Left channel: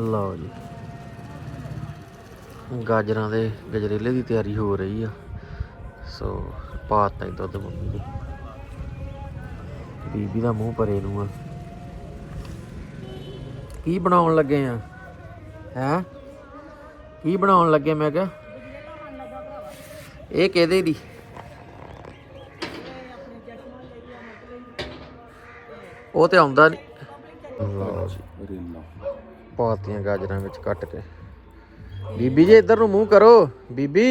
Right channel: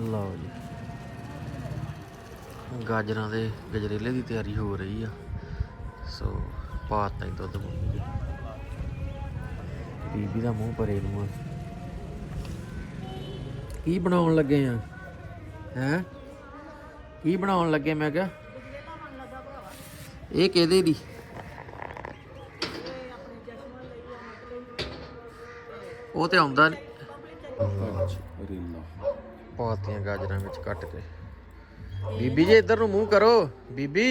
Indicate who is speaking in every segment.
Speaker 1: ਲਓ ਜੀ। ਗਾਜਰਾਂ ਦੇ ਗਜਰੇਲੇ ਦੀ ਤਿਆਰੀ ਹੋ ਰਹੀ ਆ। ਸੋ ਪਾਤਾ ਹੀ ਦੁੱਧ ਮੰਮੀ ਨੇ ਬੀਬੀ ਦਾ ਮੂੰਹ ਪਰੇ ਨੂੰ ਆ। ਕੀ ਬਣਾਉਣ ਲੱਗੇ ਆ? ਹੈ? ਕੀ ਬਣਾਉਣ ਲੱਗੇ ਮੈਂ ਕਿਹਾ? ਇਹ ਕਿਹਦੇ ਦੀ? ਉਹ ਤੇ ਆਉਂਦਾ ਨਹੀਂ ਪਾਤੀਆਂ ਗਾਜਰਾਂ ਵਿੱਚ ਕੱਟ ਕੇ। ਬੀਬੀ ਜੀ ਇੱਧਰ ਨੂੰ ਮੂੰਹ ਕਰੋ। ਬੀਬੀ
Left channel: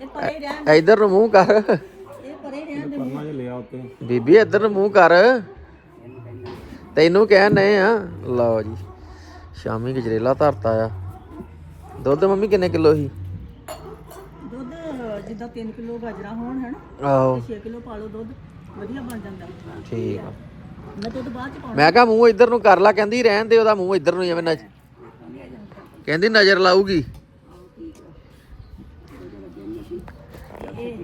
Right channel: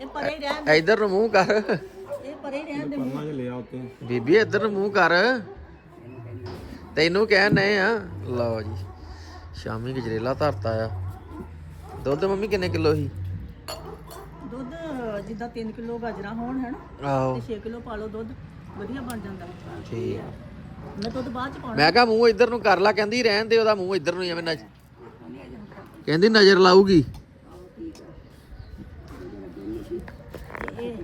Speaker 2: ਇਹ ਪਰੇ ਰਹਿਣ
Speaker 1: ਇੱਧਰ ਨੂੰ ਮੂੰਹ ਕਰ।
Speaker 2: ਇਹ ਪਰੇ ਰਹਿਣ ਦੇ।
Speaker 3: ਪਰਮਾ ਚ ਲਿਆ ਉੱਤੇ।
Speaker 1: ਬੀਬੀ ਇੱਧਰ ਨੂੰ ਮੂੰਹ ਕਰ। ਤੈਨੂੰ ਕਹਿਣ ਨਏ ਆ। ਲਓ ਜੀ ਸ਼ਾਮੀ ਗਜਰੇਲਾ ਧਰਤਾ ਆ। ਦੁੱਧ ਮੰਮੀ ਕਿੰਨੇ ਕਿਲੋ ਸੀ?
Speaker 2: ਦੁੱਧ ਜਿੱਦਾਂ 3 ਕਿਲੋ ਗਾਜਰਾਂ ਹੋਣ ਹਨ?
Speaker 1: ਆਹੋ।
Speaker 2: ਤੇ 6 ਕਿਲੋ ਪਾ ਲਓ ਦੁੱਧ ਵਧੀਆ ਬਣ ਜਾਂਦਾ।
Speaker 1: ਠੀਕ ਆ।
Speaker 2: ਮੈਂ ਦੁੱਧ ਬਾਅਦ ਚ ਪਾਉਣਾ।
Speaker 1: ਮੈਂ ਕਿਹਾ ਮੂੰਹ ਇੱਧਰ ਨੂੰ ਕਰ ਲਾ ਕਹਿੰਦੀ ਰਹਿਣ ਦੇ ਉਹਦਾ ਮੂੰਹ ਇੱਧਰ ਨੂੰ ਜਿਵੇਂ ਨਜ਼ ਕਹਿੰਦੀ ਨਜ਼ਰ ਲਾਊਗੀ।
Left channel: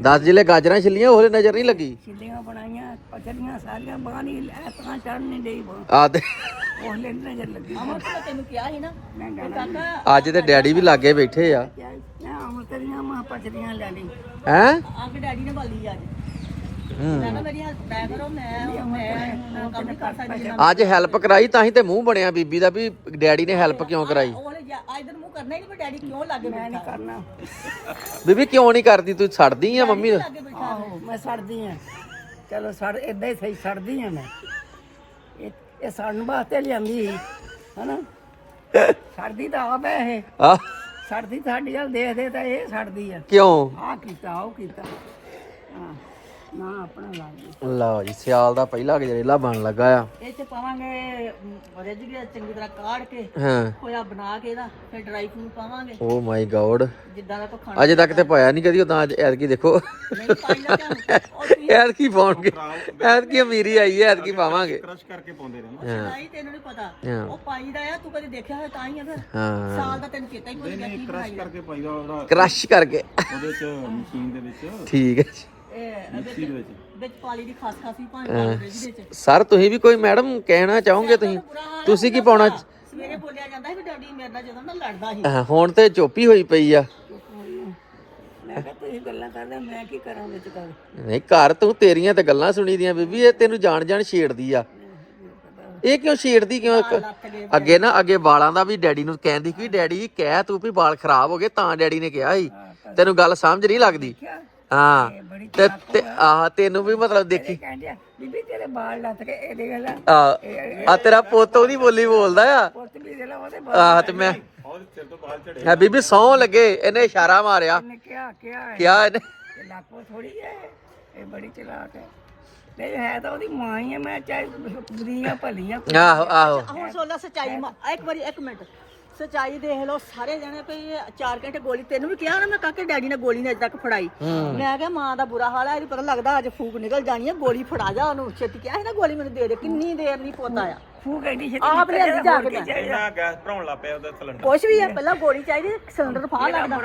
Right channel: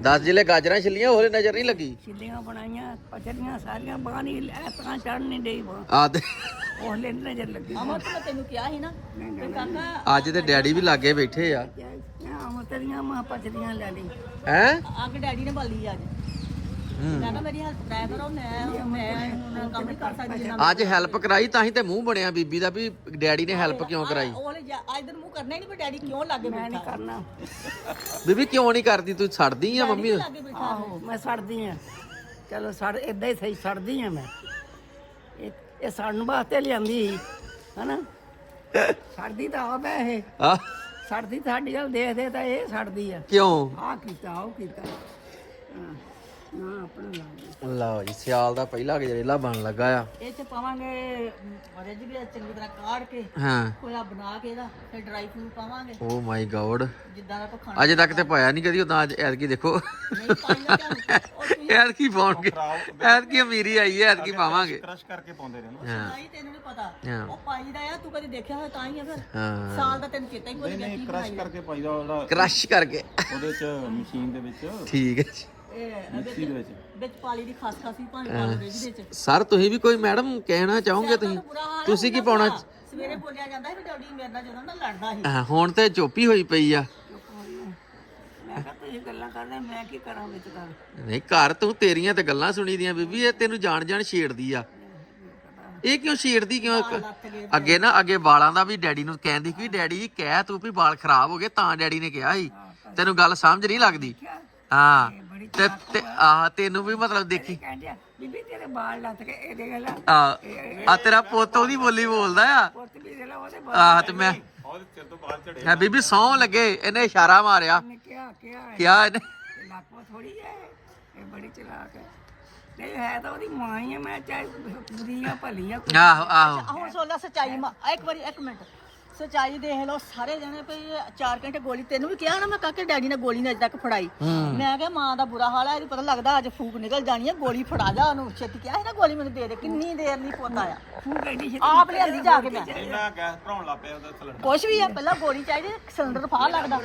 Speaker 1: ਦਸ ਜਿਲੇ ਗਾਜਰਾਂ ਛਿੱਲੀਆਂ ਉਹਲੇ ਨਜ਼ਰ ਨਹੀਂ ਲੱਗੀ?
Speaker 2: ਛਿੱਲੀਆਂ ਬਣਾਈਆਂ ਪਚੜੀਆਂ ਸਾਰੀਆਂ ਲੈ ਤਾਂ ਚੜ ਨਹੀਂ ਡਈ ਬਾਹ।
Speaker 1: ਆ ਤੇ
Speaker 2: ਉਹ ਲੈ ਨਜ਼ਰ ਲੱਗੀ। ਅਮਰ ਮੈਂ ਤੈਨੂੰ ਕਿਹਾ ਸੀ ਨਾ ਤੇ ਕਾਕਾ
Speaker 1: ਅੱਜ ਤੇ ਡੈਡੀ ਵੀ ਲਾਗੇ ਬੈਠੇ ਆ।
Speaker 2: ਮੈਂ ਅਮਰ ਤੇਰੀਆਂ ਮਾਂ ਪਚੜੀਆਂ ਲੈ ਲਈ।
Speaker 1: ਹੈ?
Speaker 2: ਅੱਗ ਡੈਡੀ ਨੇ ਬਾਲੀ ਅੱਜ। ਮੈਂ ਕਿਹਾ ਮੇਰੀ ਹੈਲਪ ਕਰਾਇਆ ਕਰੋ ਮੈਂ ਮੈਂ ਹੁਣ ਕੰਮ ਨਹੀਂ ਕਰ ਸਕਦੀ ਜਿੰਨਾ
Speaker 1: ਅੱਜ ਹੈਲਪ ਕਰਾਈ ਤਾਂ ਹੀ ਤੇ ਮੂੰਹ ਬਣਿਆ ਬੀਬੀ ਦਾ ਵੀ ਡੈਡੀ ਨੇ ਹੈਲਪ ਕਿਉਂ ਕਰਾਈ?
Speaker 2: ਉਹ ਵਾਲੇ ਇਧਰ ਮੂੰਹ ਕਰਨਾ ਹੀ ਨਹੀਂ ਪਰ ਡੈਡੀ ਕਿਉਂ ਲੱਗੇ ਬੈਠਾ ਮੈਂ ਨਹੀਂ ਕਰਨਾ।
Speaker 1: ਬੀਬੀ ਕਿਉਂ ਨਹੀਂ ਕਰਦੀ? ਤੂੰ ਛੱਡਦੀ ਆ ਮੰਮੀ
Speaker 2: ਲੱਗੇ ਬੈਠਾ?
Speaker 4: ਆਹੋ ਮੈਂ ਸੜਦੀ ਆ। ਚਲੋ ਸੜ ਇਦਾਂ ਹੀ ਸਹੀ ਸੜਦੀ ਆ ਮੈਂ। ਇਹ ਇਹ ਸੜਨ ਵਾਸਤੇ ਲਿਆਂਦੀ ਸੀ ਹਨਾ? ਸੜਦੀ ਤਾਂ ਆਪ ਹੈ ਇਹ।
Speaker 1: ਆ।
Speaker 4: ਸੜਦੀ ਸਾਡੀ ਵੱਲ ਦੇਖਦੇ ਤਾਂ ਇਹ ਸੜਦੀ ਆ।
Speaker 1: ਕਿਉਂ?
Speaker 4: ਆਹ ਕੀਤਾ ਉਹ ਕੀਤਾ। ਹਾਂ। ਨਾ ਆਪਣਾ ਲੱਗ
Speaker 1: ਲਓ ਜੀ ਸਿਆਲ ਦਾ ਪਹਿਲਾ ਗਜਰੇਲਾ ਬਣ ਲੱਗਾ ਆ।
Speaker 2: ਇਹ ਚ ਪਾਵਾਂਗੇ ਰਿਜ ਵੀ ਚੰਗੀ ਤਰ੍ਹਾਂ ਕਾੜ ਕੇ
Speaker 1: ਹਾਂ।
Speaker 2: ਕੋਇਆ ਬਣਾ ਕੇ ਇਹਦਾ ਫਿਰ ਡਰਾਈ ਫਰੂਟ ਪਾਵਾਂਗੇ।
Speaker 1: ਓ ਮਾਈ ਗॉड
Speaker 2: ਜਿੱਦਾਂ ਦਾ ਕੋ ਖਾਣਾ
Speaker 1: ਅਜੇ ਤੱਕ ਤੇ ਪਾਇਆ ਨਹੀਂ ਕਦੀ ਉਦਾਂ ਅੱਜ ਐਤਕੀ ਦੇਖੋ।
Speaker 2: ਨਹੀਂ ਪਾਈਦਾ
Speaker 1: ਐਤਕੀ ਪਾਉਣਗੇ। ਐਤਕੀ ਅਮੀਰੀ ਆਈ ਹੈ ਐਤਕੀ ਪਾਵਾਂਗੇ।
Speaker 3: ਕ੍ਰਸ਼ ਕਰਕੇ ਪਾਉਂਦੇ ਰਹੇ ਨਾ
Speaker 1: ਹਾਂ।
Speaker 2: ਪਾਈ ਤੈਨੂੰ ਨਹੀਂ ਪਤਾ।
Speaker 1: ਹਾਂ।
Speaker 2: ਉਹ ਪਾਈਦਾ ਆ ਤੂੰ ਕਦੇ ਦੇਖਿਆ ਹੋਇਆ ਤਾਂ ਹੀ ਆ ਫਿਰ?
Speaker 1: ਹਾਂ।
Speaker 2: ਸਾਲ ਦਾ ਤੈਨੂੰ ਚੇਤਾ ਹੀ ਕੋਈ ਨਹੀਂ
Speaker 3: ਕ੍ਰਸ਼ ਕਰਕੇ ਪਾਈਦਾ ਉਹਦਾ
Speaker 1: ਕ੍ਰਸ਼ ਕਰਕੇ।
Speaker 3: ਉਹਦੇ ਚ ਮਸ਼ੀਨ ਦੇ ਵਿੱਚ।
Speaker 1: ਠੀਕ ਹੈ। ਜੀ।
Speaker 2: ਇਹ
Speaker 3: ਮਿਕਸੀ ਦੇ ਵਿੱਚ
Speaker 2: ਵਿੱਚ। ਪਾਲੀ ਦੀ ਖਾਸ ਖਾਸੀ ਭਾਵੇਂ ਪਾ ਲਓ ਰਿਜ ਵਿੱਚ।
Speaker 1: ਸਰ ਤੁਸੀਂ ਵੀ ਕੋਈ ਮੈਡਮ ਕਹਿਣਾ ਚਾਹੋਗੇ ਤੁਸੀਂ?
Speaker 2: ਬੁਰਾ ਹਾਲ ਆ,
Speaker 1: ਤੁਸੀਂ ਕੀ ਪਾਉਣਾ
Speaker 2: ਸਵੇਰੇ ਬੋਲਿਆ ਜਾਂਦਾ ਸੀ ਵੀ ਡੈਡੀ ਮੇਰੇ ਨਾਲ ਜਦੋਂ ਨਾ ਲੜਦਾ ਸੀ।
Speaker 1: ਹਾਂ, ਹੁਣ ਤੇ ਚੁੱਪੀ ਹੋਈ ਪਈ ਆ।
Speaker 4: ਮੈਂ ਕਿਹਾ ਤੁਸੀਂ ਗੱਲਾਂ ਕਰਦੇ ਮੈਂ ਕੀ ਕਰਾਂ ਵਿੱਚ ਗੱਲ
Speaker 1: ਨਹੀਂ ਘਰ ਤੂੰ ਤੇਰੀਆਂ ਤੇ ਗੱਲਾਂ ਸੁਣੀ ਦੀਆਂ ਬੀਬੀ ਇਹ ਤੈਨੂੰ ਜਾਣ ਜਾਣ ਛੇੜਦੀ ਆ। ਇਹ ਕਿਉਂ ਛੇੜਦੀ? ਕਿਉਂ ਅੱਗੇ ਨਾ ਅੱਗੇ ਵਾਲਾਂ ਦਾ ਵੀ ਡੈਡੀ ਨੂੰ ਕਹਿੰਦੀ ਕਿ ਡੈਡੀ ਕਹਿ ਤੂੰ ਵੀ ਵਾਲ ਖਰਾਬ ਹੋ ਗਏ ਤਾਂ ਡੈਡੀ ਨੇ ਕਿਹਾ ਸੀ। ਤੈਨੂੰ ਗੱਲ ਸਮਝ ਨਹੀਂ ਲੱਗਦੀ। ਹਾਂ। ਤੇ ਤੇ ਆਹ ਤੈਨੂੰ ਵੀ ਮਤਲਬ ਦੇਖੀ।
Speaker 4: ਕਹਿੰਦੇ ਆ, ਬੀਬੀ ਤੇਰੇ ਬਾਲ ਲੱਤ ਕੇ ਇਹਦੇ ਗੱਲ
Speaker 1: ਆ ਆ ਤੇਰਾ ਪੁੱਤ ਉਹਦੀ ਬੋਲੀ ਬੋਲਦਾ ਆ।
Speaker 4: ਪੁੱਤ ਵੀ ਲਾ ਉਹਦੇ
Speaker 1: ਆਹ ਤੇ ਮੈਂ
Speaker 3: ਉਹਦੇ ਸਿਰ ਤੋਂ ਬਾਲ ਝੜੇ
Speaker 1: ਹੈ ਬੀਬੀ ਸੌ ਲੱਗੇ ਇਹਨੇ ਇਸ਼ਾਰਾ ਮਾਰਿਆ।
Speaker 4: ਨੇ ਕਿਹਾ ਕਿਹਾ
Speaker 1: ਕਿਹਾ ਇਹਨੇ।
Speaker 4: ਇਹ ਲਾਕੋ ਥੋੜੀ ਹੈ ਇਹ ਬੜੀ ਚਲਾਕ ਹੈ। ਨਹੀਂ ਹੈ ਤਾਂ ਉਹਦੀ ਮਾਂ ਹੀ ਹੈ ਮੈਂ ਚਾਹੇ ਬੁਰੀਆਂ ਭਲੀਆਂ
Speaker 1: ਆਹੋ ਆਹੋ।
Speaker 2: ਹੁਣ ਸੋਲਾ ਸਚਾਈ ਮਾ। ਇੱਕ ਵਾਰੀ ਇੱਕ ਮਿੰਟ। ਸਚਾਈ ਦੇਖ ਲਓ ਸਾਰੇ ਜਣੇ ਪਈ 4 ਘੰਟੇ ਗੋਲੀ ਤੈਨੂੰ ਵੀ ਕਿਹਾ ਨਾ ਮੈਂ ਕਾਕੇ ਡੈਡੀ ਨੇ ਗੋਲੀ ਨੇ ਅਜੇ ਤੱਕ ਫੜਾਈ। ਮੈਂ ਕਿਹਾ ਮਾਂ ਦਾ ਬੁਰਾ ਹਾਲ ਆ ਇਹਦੀ ਪਤਾ ਲੱਗਦਾ ਅੱਜ ਫੂਕ ਨਿਕਲ ਜਾਣੀ ਹੈ ਗੋਲੀ ਫੜਾ ਜਾ ਉਹਨੂੰ। ਛੇਤੀ ਕਿਹਾ ਸੀ ਨਾ ਗੋਲੀ ਮੈਨੂੰ ਦੇ ਦੇ ਕਿੰਨੀ ਦੇਰ ਨਹੀਂ ਪੋਤਾ ਆ
Speaker 4: ਛੇਤੀ
Speaker 2: ਆਪ ਲਿਆਂਦੀ ਜਾ ਕੇ ਮੈਂ
Speaker 3: ਇੰਨਾ ਗੈਸ ਭਰਾਉਣ ਲੱਗ ਪਿਆ ਉਹਦਾ ਸਿਲੰਡਰ
Speaker 2: ਕੁਛ ਵੀ ਆ ਪਹਿਲਾਂ ਗੋਲੀ ਚਾਹੀਦੀ ਸਿਲੰਡਰ ਫਾੜ ਲੱਗਦਾ।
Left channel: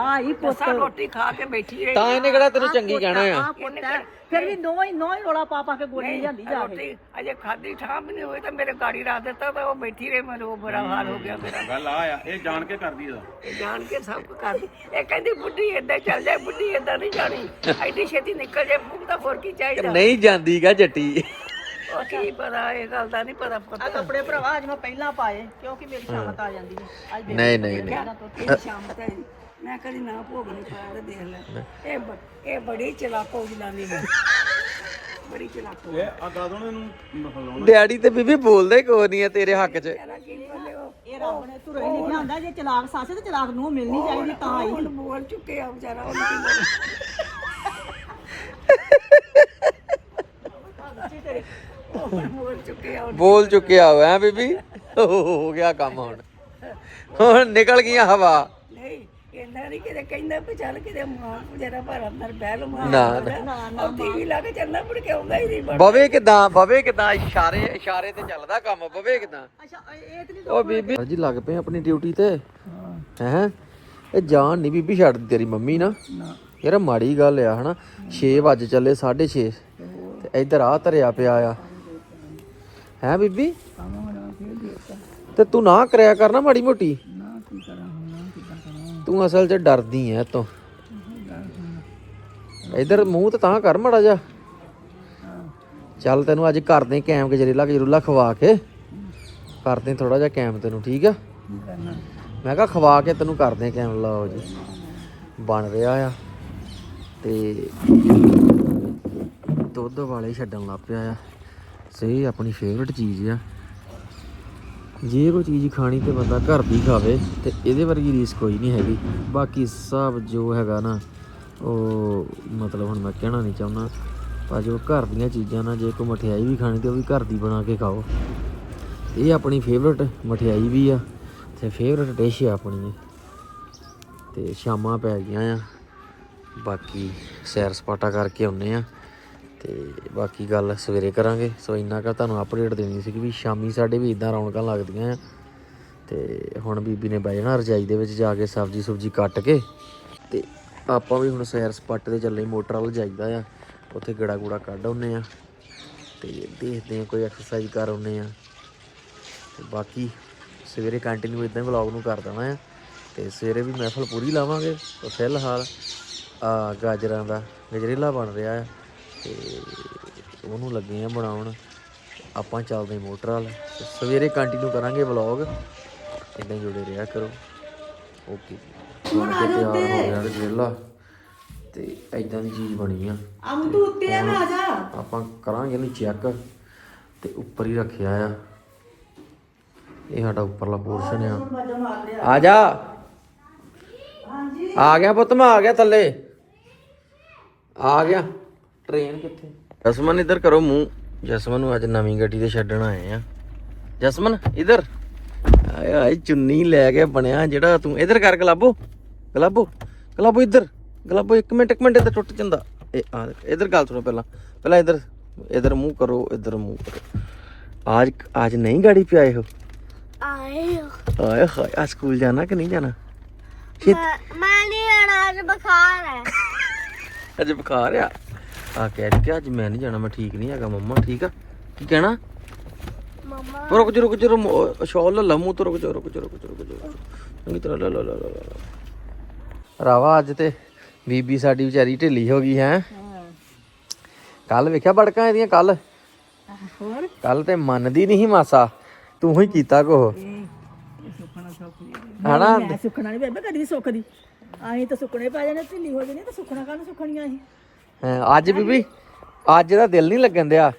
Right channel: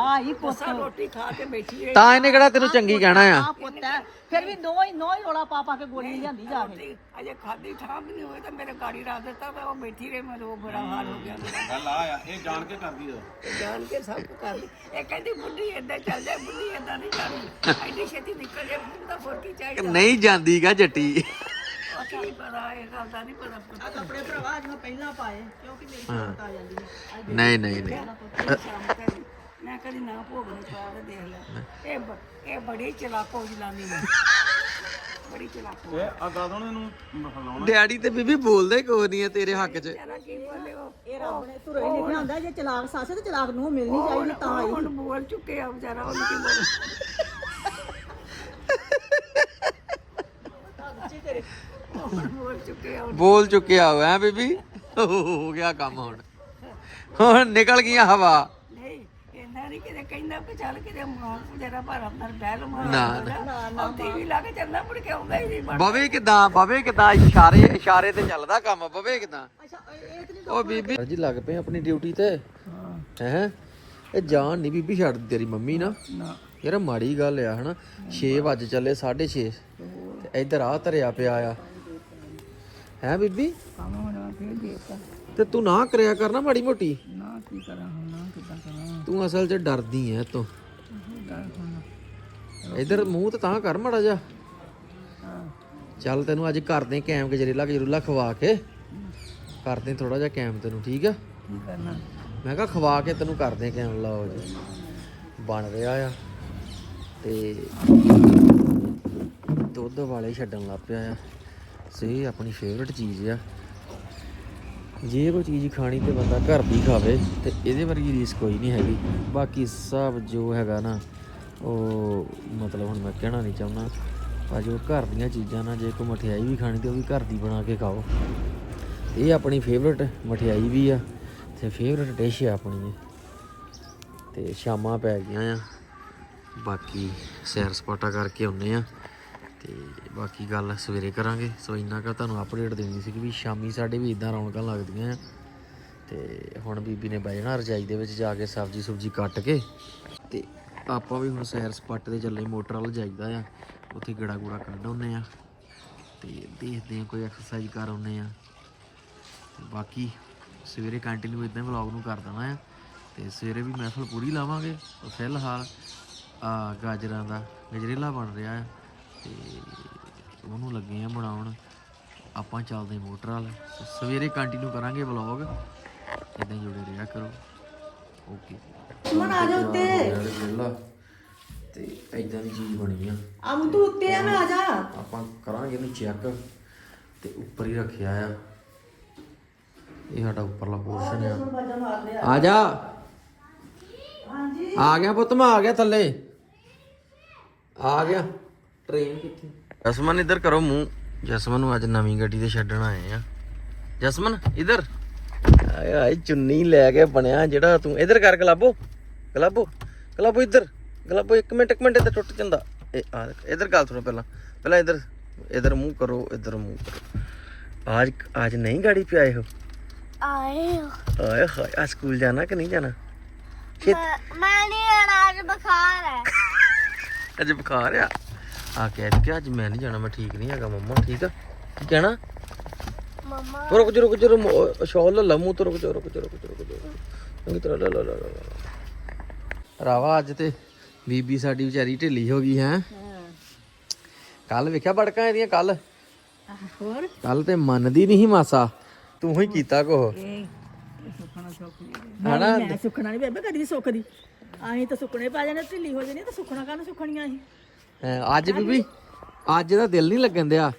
Speaker 2: ਆ ਹੀ ਪੁੱਤ।
Speaker 4: ਸਾਂ ਰੋਟੀ ਖਾ ਕੇ ਬੈਠੀ ਰਹੀ।
Speaker 1: ਤਾਂ ਇਹਨੇ ਕਿਹੜਾ ਤੈਨੂੰ ਚੰਗੀ ਕਹਿਣਾ ਆ?
Speaker 2: ਆ ਪੁੱਤ ਹੈ। ਫਿਰ ਵੀ ਨੋ ਹੀ ਨੋ ਹੀ ਰੋਲਾ ਪਾ ਪਾ ਕੇ ਗੋਲੀ ਲਿਆਂਦੀ ਜਾ ਕੇ।
Speaker 4: ਰੋਟੀ ਅਜੇ ਖਾਦੀ ਠਾਂ ਵੀ ਨਹੀਂ ਹੋਈ ਤਾਂ ਮੇਰੇ ਗਾੜੀ ਰੱਖ ਦਿੱਤਾ ਤਾਂ ਉਹ ਬੈਠੀ ਰਹੀ ਮੈਨੂੰ ਉਹ ਬੜਾ ਹਾਲ ਹੋ ਗਿਆ ਮੇਰਾ।
Speaker 3: ਗੱਲ ਆ ਆ ਇਹ ਜਾਣ ਕੇ ਕਰਦੀ ਇਹਦਾ
Speaker 4: ਇਹ ਜਾਣ ਕੇ ਸਭ ਕਰਦੀ। ਇਹ ਕਹਿੰਦੀ ਬੁੱਢੀ ਏਦਾਂ ਚੱਲ ਜਾਏ ਬੁੱਢੀ ਏਦਾਂ ਨਹੀਂ ਜਾਣੀ। ਐਡੀ ਛੇਤੀ ਨਿਕਲ ਜਾਏ ਫੂਕ ਤਾਂ ਹੋਰ ਕੀ ਚਾਹੀਦਾ?
Speaker 1: ਨਹੀਂ ਜਾਂਦੀਗਾ ਜੱਟੀ।
Speaker 4: ਉਹ ਕੀ ਪਤਾ ਇਹ ਗੱਲ ਦਾ ਨਹੀਂ ਪਤਾ
Speaker 2: ਆ
Speaker 4: ਪਤਾ
Speaker 2: ਕੱਪੜੇ ਭਰਾਵਾ ਅੱਜ ਮੈਂ ਪਹਿਲਾਂ ਪਾਏ ਕਿਉਂਕਿ ਮੇਰੀ ਸ਼ਾਮਤ ਆ ਜਾਂਦੀ ਹੈ ਅੱਜ
Speaker 1: ਨਹੀਂ ਨਹੀਂ
Speaker 4: ਸ਼ਾਮ ਮੈਂ ਕਦੀ ਨਾ ਭੋਗ ਨਹੀਂ ਖਾਇਆ ਤੇ ਦੇਖ ਲੈ। ਇਹ ਬ- ਇਹ ਬੜੀ ਚਲਾਕੋ ਜਲਾਨੀ ਹੈ ਬੜੀ ਚਲਾਕੋ।
Speaker 3: ਓਏ ਆ ਦਾਦੋਂ ਨੂੰ ਹਲਾਉਣਾ
Speaker 1: ਡੈਡੀ ਤੇ ਬੀਬੀ ਬੋਲਦੇ ਕੋਈ ਨਹੀਂ ਆ ਤੇਰੇ ਹੱਕ 'ਚ।
Speaker 4: ਤੇਰਾ ਕੀ ਬੋਲੇ ਉਹ?
Speaker 2: ਇਹ ਰੱਬ ਨੇ ਤੁਰੇ ਨਹੀਂ ਬਣਾਉਂਦਾ ਜੇ ਚਲਾਕ ਸੱਸ ਤੇ ਚਲਾਕ ਨੂੰ ਮਿਲਣੀ ਚਾਹੀਦੀ ਤਾਂ
Speaker 4: ਉਹ ਹੁਣ ਬੋਲ ਚੁੱਕੇ ਆ ਵਿਚਾਰਾ ਉਹਨੂੰ ਕੀ ਬੋਲੇ ਬੋਲ ਚੁੱਕੇ ਆ
Speaker 1: ਬੋਲ ਚੁੱਕਿਆ ਹੋ ਐ ਬੀਬੀ। ਹੋ ਗਿਆ ਕੰਮ ਹੁਣ। ਹੁਣ ਨਿਕਲ ਗਈਆਂ ਹਵਾ।
Speaker 4: ਨਹੀਂ ਇਹਨਾਂ ਨਹੀਂ ਕਿਤੇ ਕਹਿੰਦਾ ਵੀ ਚੱਲ ਕਿਤੇ ਮਾਂ ਜਿਹੜਾ ਪਰ ਅੰਦਰ ਬਹਿ ਲਓ ਮਾਂ
Speaker 1: ਨਾ,
Speaker 4: ਉਹ ਟੀਵੀ ਲਾ ਕੇ ਚੱਲਦਾ ਮੁੜ ਕੇ ਆਉਂਦਾ ਹੀ ਨਹੀਂ ਬਣ
Speaker 1: ਬਵੇ ਕਿਦਾਂ ਬਵੇ ਕਿਦਾਂ ਇਸ਼ਾਰੇ ਇਸ਼ਾਰੇ ਤੇ ਚੱਲਦਾ ਕੰਮ ਬਵੇ ਕਿਦਾਂ? ਉਹ ਬੀਬੀ ਜੀ ਲੱਗ ਪਏ ਆਪਣੀ ਡਿਊਟੀ ਤੇ। ਹੈ। ਇਹ ਜਾਨ ਨਹੀਂ ਬੀਬੀ ਛੱਡ ਤੇਰੀ ਮੰਮੀ ਨਾ। ਯਾਰ ਮਾੜੀ ਗੱਲ ਆ ਹਨਾ। 6 ਵਜ ਚੱਲੇ 6:30 ਤੇ ਇੱਧਰ ਆ ਧਰਿਆ ਪਿਆ ਆ। ਹੈ ਬੀਬੀ?
Speaker 4: ਕੰਮ ਹੋਣਾ ਫਿਰ ਦੇਤਾ
Speaker 1: ਤੇ ਤੂੰ ਨਾ ਕਰਿਆ ਕਰਨਾ ਮਾੜੀ ਮੋਟੀ।
Speaker 4: ਨਾ ਕੀ ਕਰਾਂ ਹੁਣ ਨਾ ਕਿੱਦਾਂ ਕਰਾਂ।
Speaker 1: ਤੂੰ ਅਸਲ 'ਚ ਡਰਦੀ ਐ ਤੂੰ। ਇਧਰ ਮੂੰਹ ਤੇ ਤਾਂ ਕਰ ਮੜਾ ਜਾ ਚੱਲ ਤੈਨੂੰ ਅੱਜ ਕਰਦੇ ਕੈਮ ਗਜਰੇਲਾ ਗਜਰੂਲਾ ਖਵਾ ਕੇ। ਕਰਦੇ ਥੋੜਾ ਜਿਹਾ ਕੈਮ ਤੈਨੂੰ ਠੀਕ ਆ?
Speaker 4: ਕੀ ਕਰਨਾ?
Speaker 1: ਮੈਂ ਕਿਹਾ ਖਵਾ ਕੇ ਤੈਨੂੰ ਕਰਦੇ ਕੈਮ ਲਾਓ ਜੀ। ਬਣ ਰਿਹਾ ਆ। ਤੇ ਦੁੱਧ ਵਾਲੇ ਛੱਡਣ ਲੱਗ ਪਿਆ ਆ। ਸਹੀ ਆਪਣੀ ਫੇਵਰਟ ਚੀਜ਼ ਆ। ਜੇ ਕੋਈ ਚੀਜ਼ ਖਾਣੀ ਤੇ ਬੰਦਾ ਘਰ ਦੀ ਖਾਵੇ ਤੇ ਇਹਦੇ ਵਰਗੀ ਰੀਸ ਕੋਈ ਨਹੀਂ ਹੈਗੀ। ਬਾਕੀ ਸਭ ਜੋ ਹੈਗਾ ਨਾ, ਉਹ ਮਤਲਬ ਹੁਣ ਮੈਂ ਕਹਿਣਾ ਨਹੀਂ ਚਾਹੁੰਦਾ, ਪਰ ਜੋ ਘਰ ਦੀਆਂ ਚੀਜ਼ਾਂ ਨਾ, ਜੇ ਕੋਈ ਮਠਿਆਈ ਵੀ ਖਾਣੀ ਤੇ ਉਹ ਵੀ ਘਰ ਦੀ ਬਣਾ ਕੇ ਖਾਓ। ਇਹ ਆਪਣੀ ਫੇਵਰਟ ਮਠਿਆਈ ਵੀ ਆ ਤੇ ਫੇਵਰਟ ਡਿਸ਼ ਆ ਆਪਣੀ ਇਹ। ਤੇ ਸ਼ਾਮਾਂ ਪੈ ਗਈਆਂ ਆ। ਬਾਕੀ ਸੈਰ ਸਪਾਟਾ ਕਰਕੇ ਆਉਨੇ ਆ। ਤੇ ਬਾਕੀ ਗੱਲ ਸਵੇਰੇ ਕਰਾਂਗੇ। ਸੋ ਇੰਨਾ ਕਾ ਤੁਹਾਨੂੰ ਅਪਡੇਟ ਦੇਣੀ ਸੀ ਕਿ ਵੀ ਸ਼ਾਮੀ ਸਾਡੇ ਵੀ ਇਦਾਂ ਰੌਣਕਾਂ ਲੱਗਦੀਆਂ ਆ। ਤੇ ਹੁਣ ਬੀਬੀ ਨੇ ਬਹਿ ਜਾਣਾ ਰਜਾਈ ਦੇ ਵਿੱਚ ਜਾ ਕੇ ਸਬਜ਼ੀ ਸੁਬਜੀ ਕੱਟ ਕੇ। ਤੇ ਆਪਾਂ ਵੀ ਹੁਣ ਸੈਰ ਸਪਾਟੇ ਤੇ ਚੱਲੇ ਮੋਟਰ ਵੱਲ ਜਾਈਦਾ ਆ। ਉੱਥੇ ਗੜਾ ਗੂੜਾ ਕੱਢ ਆਉਨੇ ਆ। ਤੇ ਦੇਖਦੇ ਆ ਕੋਈ ਐਕਸਰਸਾਈਜ਼ ਕਰ ਆਉਨੇ ਆ। ਤੇ ਬਾਕੀ ਸਵੇਰੇ ਕੰਟੀਨਿਊ ਇਦਾਂ ਵਲੌਗ ਨੂੰ ਕਰ ਦੇਣਾ ਆ। ਤੇ ਸਵੇਰੇ ਵੀ ਮਹਿਫਲ ਪੂਰੀ ਲਾਵਾਂਗੇ। ਤੇ ਫਿਲਹਾਲ, ਆ ਗਾਜਰਾਂ ਦਾ ਗਜਰੇਲਾ ਬਣ ਰਿਹਾ ਆ। ਤੇ ਉਹਨੂੰ ਲੱਗੇ ਆ ਬਣਾਉਣ। ਆਪਾਂ ਚੱਲਦੇ ਮੋਟਰ ਵਾਲ। ਸਵੇਰੇ ਕੰਟੀਨਿਊ ਕਰਾਂਗੇ ਵਲੌਗ ਇਦਾਂ ਜੁੜੇ ਰਿਹਾ ਕਰੋ। ਓਕੇ ਆ ਜਾ ਉੱਤੇ। ਗਜਰੇਲਾ ਤੇ ਇਦਾਂ ਦੀ ਚੀਜ਼ ਬਣੀ ਆ।
Speaker 2: ਅਮ ਤੂੰ ਉੱਤੇ ਆ ਮੈਂ ਆ ਜਾ।
Speaker 1: ਆਪਾਂ ਕਰਾਂਗੇ ਇਹਨੂੰ ਚੈੱਕ ਤੇ ਉੱਪਰ ਹੀ ਰੱਖਿਆ ਆ। ਇਹ ਸਾਡਾ ਉੱਪਰਲਾ ਪੋਰਸ਼ਨ ਆ। ਆ ਜਾ। ਆ ਗਿਆ ਪੁੱਤ ਮੈਂ ਆ ਗਿਆ ਥੱਲੇ। ਆ ਗਿਆ। ਟ੍ਰੇਨ ਕਿੱਥੇ ਜਸਮਨ ਇੱਧਰ ਕਰੋ ਮੂੰਹ ਜਸਮਨ ਨੂੰ ਅੱਜ ਨਵੀਂ ਗੱਡੀ ਤੇ ਛੱਡਣ ਆਏ ਆ ਜਸਮਨ ਇੱਧਰ ਆਏ ਹਾਏ ਚੁੰਨੀ ਲੈ ਕੇ ਬਣਿਆ ਜਿਹੜਾ ਤੂੰ ਇੱਧਰ ਕਰ ਗਲਾਬੋ ਗਲਾਬੋ ਗਲਾਬੋ ਇੱਧਰ ਗਲਾਬੋ ਇੱਕ ਮਿੰਟ ਇੱਕ ਮਿੰਟ ਇੱਧਰ ਟੁੱਟ ਜਾਂਦਾ ਇਹ ਆ ਇੱਧਰ ਗੱਲ ਸੁਣੋ ਪਹਿਲਾਂ ਪਹਿਲਾਂ ਇੱਧਰ ਇੱਧਰ ਮੂੰਹ ਕਰੋ ਇੱਧਰ ਮੂੰਹ ਕਰੋ आज आज नहीं गाड़ी पे आए हो
Speaker 5: ਆਏ
Speaker 1: आए हाय आज स्कूल जाना कि नहीं जाना
Speaker 5: ਮੈਂ ਮੈਂ ਨਹੀਂ ਆਣਾ ਅੱਜ ਬੁਖਾਰ ਹੈ
Speaker 1: ਅੱਜ ਬੁਖਾਰ ਆ ਆ ਕਹਿ ਰਹੀ ਕਿ ਅੱਜ ਮੈਂ ਨਹੀਂ ਜਾਣਾ ਮੈਂ ਠੀਕ ਨਹੀਂ ਹੈਗਾ ਮੰਮਾ ਠੀਕ ਆ? ਕੀ ਕਹਿਣਾ?
Speaker 5: ਮੰਮਾ।
Speaker 1: ਰੁਕ ਜਾ ਰੁਕ ਜਾ ਰੁਕ ਸ਼ਾਲ ਲੈ ਲਾ ਮੂੰਹ ਤੋਂ ਰੁਕ ਜਾ ਰੁਕ ਜਾ ਰੁਕ ਜਾ ਰੁਕ ਜਾ। ਚੰਗੀ ਤਰ੍ਹਾਂ ਲੈ ਲਾ ਲਾ ਲਾ। ਰਾਵਾ ਅੱਜ ਤੇ ਬੀਬੀ ਸਾਡੀ ਵਿਚਾਰੀ ਢਿੱਲੀ ਹੋ ਗਈ ਹੈ। ਕੱਲ ਵੇਖਿਆ ਬੜਕਾਂ ਇਹਦੀਆਂ ਕੱਲ?
Speaker 2: ਹੋਰ?
Speaker 1: ਕੱਲ ਤੇ ਮੰਨਦੀ ਨਹੀਂ ਮਾਸਾ। ਤੂੰ ਹੀ ਕੀਤਾ ਕੋ
Speaker 4: ਸੁਖਣਾ ਸੁਖ
Speaker 1: ਹਨਾ
Speaker 2: ਮੈਂ ਨਹੀਂ ਬੇਬੇ ਕਦੀ ਸੁੱਕਦੀ ਆਹੀਂ ਤਾਂ ਸੁੱਕਣੇ ਪੈ ਜਾਣੇ ਢਿੱਲੀ ਹੋ ਜਾਣੀ ਤਾਂ ਸੁੱਕਣਾ ਕਾਹਨੂੰ ਸੁੱਕਣੀਆਂ ਸੀ
Speaker 1: ਹਾਂ, ਅੱਜ ਬੀਬੀ ਅੱਜ ਦਾ ਦਿਲ ਨਹੀਂ ਲੱਗਣ ਦਿਆ।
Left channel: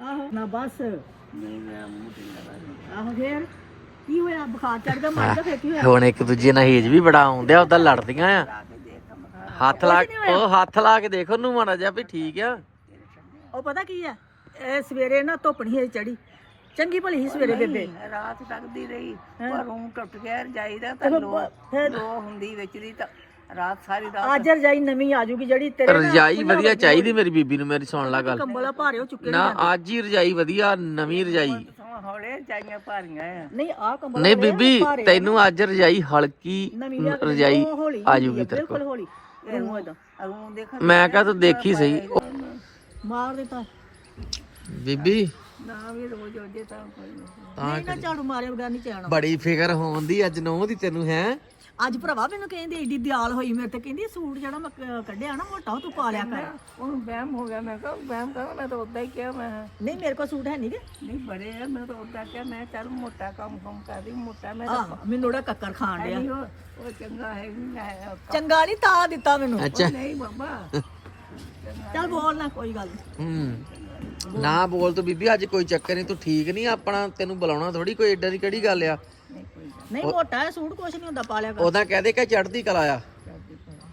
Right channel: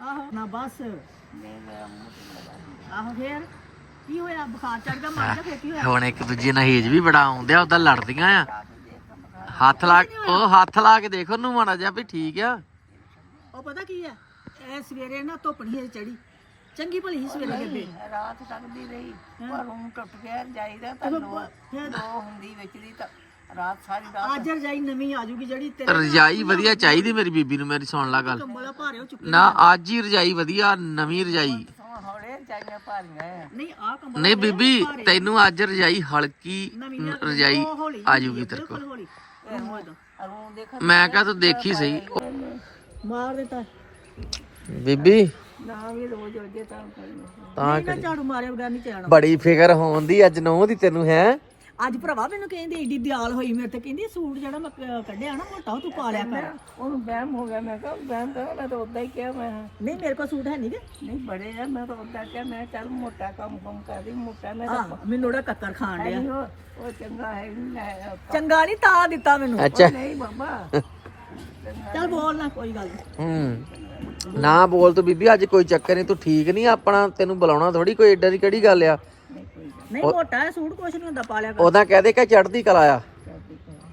Speaker 2: ਆਹੋ ਨਾ ਬਸ। ਆਹੋ ਫੇਰ? ਕੀ ਹੋਇਆ? ਬੁਖਾਰ ਚੜ ਗਿਆ ਮਰ ਗਿਆ ਫੇਰ ਕੀ ਹੋਇਆ?
Speaker 1: ਹੁਣ ਇੱਕ ਦੂਜੇ ਨਾਲ ਹੇਜ ਵੀ ਬੜਾ ਆਉਂਦੇ ਆ ਉਦਾਂ ਲੜਦੀਆਂ ਆ। ਹੱਥ ਲਾ ਉਹ ਹੱਥ ਲਾ ਕੇ ਦੇਖੋ ਨੂੰ ਮਾੜਾ ਜਿਹਾ ਵੀ ਠੀਕ ਆ।
Speaker 2: ਉਹ ਪਤਾ ਕੀ ਆ? ਇਹ ਸਵੇਰੇ ਨਾ ਧੁੱਪ ਨਹੀਂ ਚੜੀ ਚੰਗੀ ਭਲੀ ਸੀ ਸਵੇਰੇ ਬੇਬੇ।
Speaker 4: ਰਾਤ ਟੱਕਦੀ ਰਹੀ ਪਰ ਰੂਮ ਟੁੱਟ ਗਿਆ ਜਾਈਦਾ ਤਾਂ ਲੋ ਲੋ ਹੁੰਦੀ ਵਿੱਚ ਦੀ ਤਾਂ ਰਾਤ ਸਾਰੀ ਰਾਤ
Speaker 2: ਅੱਜ ਰਜਾਈ ਨਵੀਂ ਆ ਜੂਗੀ ਜਿਹੜੀ ਤੇਰੇ
Speaker 1: ਰਜਾਈ ਵਧੀਆ ਚਾਹੀਦੀ ਮੇਰੀ ਬੀਬੀ ਨੂੰ ਮੇਰੀ ਸੁਣ ਲਾ ਗੱਲ।
Speaker 2: ਕੰਬਲਾ ਭਾਰੇ ਹੋ ਚੁੱਕੇ
Speaker 1: ਨਾ ਅੱਜ ਹੀ ਰਜਾਈ ਵਧੀਆ ਨਵੀਂ ਰਜਾਈ।
Speaker 4: ਸਮਾਂ ਹੌਲੇ ਜਾਈਆਂ ਭਾਰੀਆਂ ਆ
Speaker 2: ਨਹੀਂ ਆ ਕੰਬਲਾ
Speaker 1: ਨਹੀਂ ਬੀਬੀ ਤੈਨੂੰ ਅੱਜ ਰਜਾਈ ਹਲਕੀ ਰਜਾਈ ਆ ਜੂਗੀ ਤੇਰੇ ਕੋਲ।
Speaker 2: ਹੌਲੀ।
Speaker 1: ਮੈਂ ਕਹਾਂ ਤੂੰ ਦੇਖੀ ਸਹੀ। ਉਹ-
Speaker 2: ਮਾਰ ਦਿੱਤਾ
Speaker 1: ਬੀਬੀ।
Speaker 4: ਨਾ ਵੀ ਰੋਜ਼ ਤਾਂ
Speaker 1: ਤਾਂ
Speaker 2: ਝਾੜੂ ਮਾਰੇ
Speaker 1: ਬੜੀ ਫਿਕਰ ਹੋਉਂਦੀ ਅੱਜ ਨੂੰ ਦੀ ਤੈਨੂੰ ਹੈ?
Speaker 2: ਅੱਜ ਭਰਾਵਾ ਮੈਨੂੰ ਕਹਿੰਦੀ ਏਡੀ ਦਿਆਲ ਹੋਈ ਮੇਰੇ ਤੇ ਕਹਿੰਦੀ ਸੂਟ ਜਿਹੜਾ ਮੈਂ ਕ- ਕੱਢਿਆ ਨਾ ਮੋਟਾ ਉਹ ਤੂੰ ਪਾ ਲਿਆ ਕਰ।
Speaker 4: ਉਹਨੂੰ ਵਹਿਮ ਹੋ ਗਿਆ ਮੈਂ ਕਿਹਾ ਵਹਿਮ ਕਰ ਮੈਂ ਤਾਂ ਉਦਾਂ ਹੀ ਕਿਹਾ ਮੈਂ
Speaker 2: ਨਹੀਂ ਮੇਰੇ ਕੋਲ ਸੂਟ ਹੈ ਨਹੀਂ ਕਿ
Speaker 4: ਨਹੀਂ ਬੜੇ ਆ ਮੈਂ ਤਾਂ ਉਦਾਂ ਕਿਹਾ ਮੈਂ ਚੱਲ ਮੋਟਾ ਕੰਮ ਕੰਮ ਕਰਦੀ ਮੋਟਾ ਮੈਂ ਤਾਂ
Speaker 2: ਆਹ ਮੈਨੂੰ ਉਹਦਾ ਕੱਕਰ ਖਾਣ ਡਿਆ।
Speaker 4: ਨਹੀਂ ਉਹ ਉਹ ਚੰਗਾ ਹੈ ਨਹੀਂ ਲੈ
Speaker 2: ਚੰਗਾ ਨਹੀਂ ਤਾਂ ਦਿੱਤਾ ਮੈਨੂੰ।
Speaker 1: ਅੱਛਾ।
Speaker 4: ਨਹੀਂ ਬਾਬਾ।
Speaker 2: ਚੱਲ ਬੋਲ ਨਾ ਕੋਈ ਗੱਲ ਨੀ।
Speaker 1: ਹੂੰ। ਨਾ ਬੋਲ ਤੂੰ ਬੀਬੀ ਅੱਜ ਕੋਈ ਚੱਕਰ ਨਹੀਂ ਤੂੰ ਠੀਕ ਨਹੀਂ ਆਪਣਾ ਤੈਨੂੰ ਬੁਲਾਉਣਾ ਥੋੜੀ ਕੋਈ ਏਡਾ ਦੀ ਕਿਹੜੀ ਗੱਲ ਆ?
Speaker 2: ਨਹੀਂ ਮੋਟਾ ਹੈ ਸੂਟ ਕੁਛ ਨਹੀਂ ਹੁੰਦਾ ਪਾ ਲਿਆ ਕਰ।
Speaker 1: ਉਹਦਾ ਕਹਦੇ ਕਿ ਚੜਦੀ ਕਲਾ ਆ।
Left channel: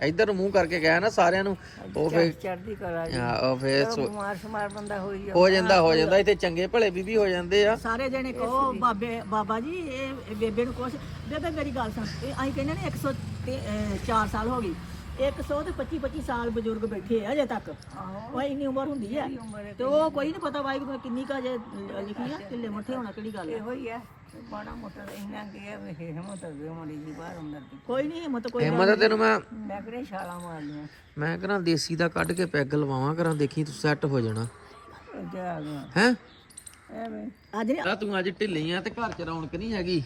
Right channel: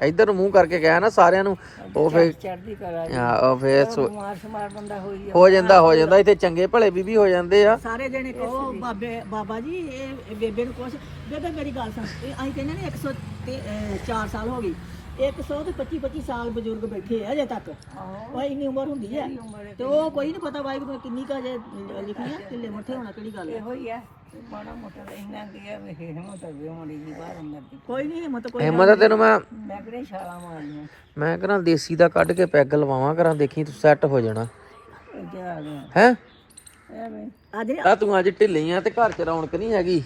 Speaker 1: ਇੱਧਰ ਨੂੰ ਮੂੰਹ ਕਰਕੇ ਗਿਆ ਨਾ ਸਾਰਿਆਂ ਨੂੰ ਉਹ ਫੇਰ
Speaker 4: ਚੜਦੀ ਕਰਾ
Speaker 1: ਆ, ਉਹ ਫੇਰ ਸੋ-
Speaker 4: ਬਿਮਾਰ ਸ਼ਮਾਰ ਬੰਦਾ ਹੋਈ ਆ
Speaker 1: ਹੋ ਜਾਂਦਾ ਹੋ ਜਾਂਦਾ ਇੱਥੇ ਚੰਗੇ ਭਲੇ ਬੀਬੀ ਹੋ ਜਾਂਦੇ ਆ।
Speaker 2: ਸਾਰੇ ਜਣੇ ਉਹ ਬਾਬੇ ਬਾਬਾ ਜੀ ਇਹ ਬੇਬੇ ਨੂੰ ਕੁਛ ਬੇਬੇ ਮੇਰੀ ਗੱਲ ਸੁਣ ਇਹ ਅਸੀਂ ਕਹਿੰਦੇ ਨੇ 104 ਸਾਲ ਹੋ ਗਈ 100 ਤੇ 25 25 ਸਾਲ ਬਜ਼ੁਰਗ ਬੈਠੇ ਆ ਅਜੇ ਤੱਕ। ਉਹ ਇੰਨੀ ਉਮਰ ਹੁੰਦੀ ਹੈ ਤੇ ਉਹ ਕੋਈ ਨਹੀਂ ਪਤਾ ਬਾਈ ਕਿ ਕਿੰਨੀ ਕਾ ਜੇ ਲਿਖੀ ਆ ਕਿੱਲੇ ਮੱਥੇ ਹੋਣਾ ਕਿਹੜੀ ਗੱਲ ਹੈ
Speaker 4: ਇਹੋ ਹੀ ਆ। ਮਾੜਾ ਮੋਟਾ ਇੰਨਾ ਗਿਆ ਵੀ ਹਿੰਮਤ ਹੋਵੇ ਮੜੀ ਜੀ ਬਾਹਰ ਅੰਦਰ ਦੀ।
Speaker 2: ਕੋਈ ਨਹੀਂ ਹਿੰਮਤ ਕੋਈ
Speaker 1: ਹਿੰਮਤ ਤੈਨੂੰ ਮੈਂ
Speaker 4: ਮੈਂ ਕਿਹੜੇ ਛਾਲਾਂ ਮਾਰਦੀਆਂ
Speaker 1: ਮੈਂ ਕਹਿੰਦਾ ਦੇਸੀ ਦਾ ਕੱਢ ਕੇ ਪੈਗ ਲਵਾਵਾਂ ਕਰਾਂ ਦੇਖੀ ਤੂੰ ਸੈੱਟ ਹੋ ਜਾਣਾ।
Speaker 4: ਅੱਗੇ ਆ ਗਿਆ
Speaker 1: ਹੈ?
Speaker 4: ਐਵੇਂ।
Speaker 2: ਅੱਜ ਨਹੀਂ
Speaker 1: ਆ ਤੂੰ ਅੱਜ ਢਿੱਲੀ ਆ ਤੇ ਘਰ ਚ ਰੌਣਕ ਨਹੀਂ ਹੈਗੀ।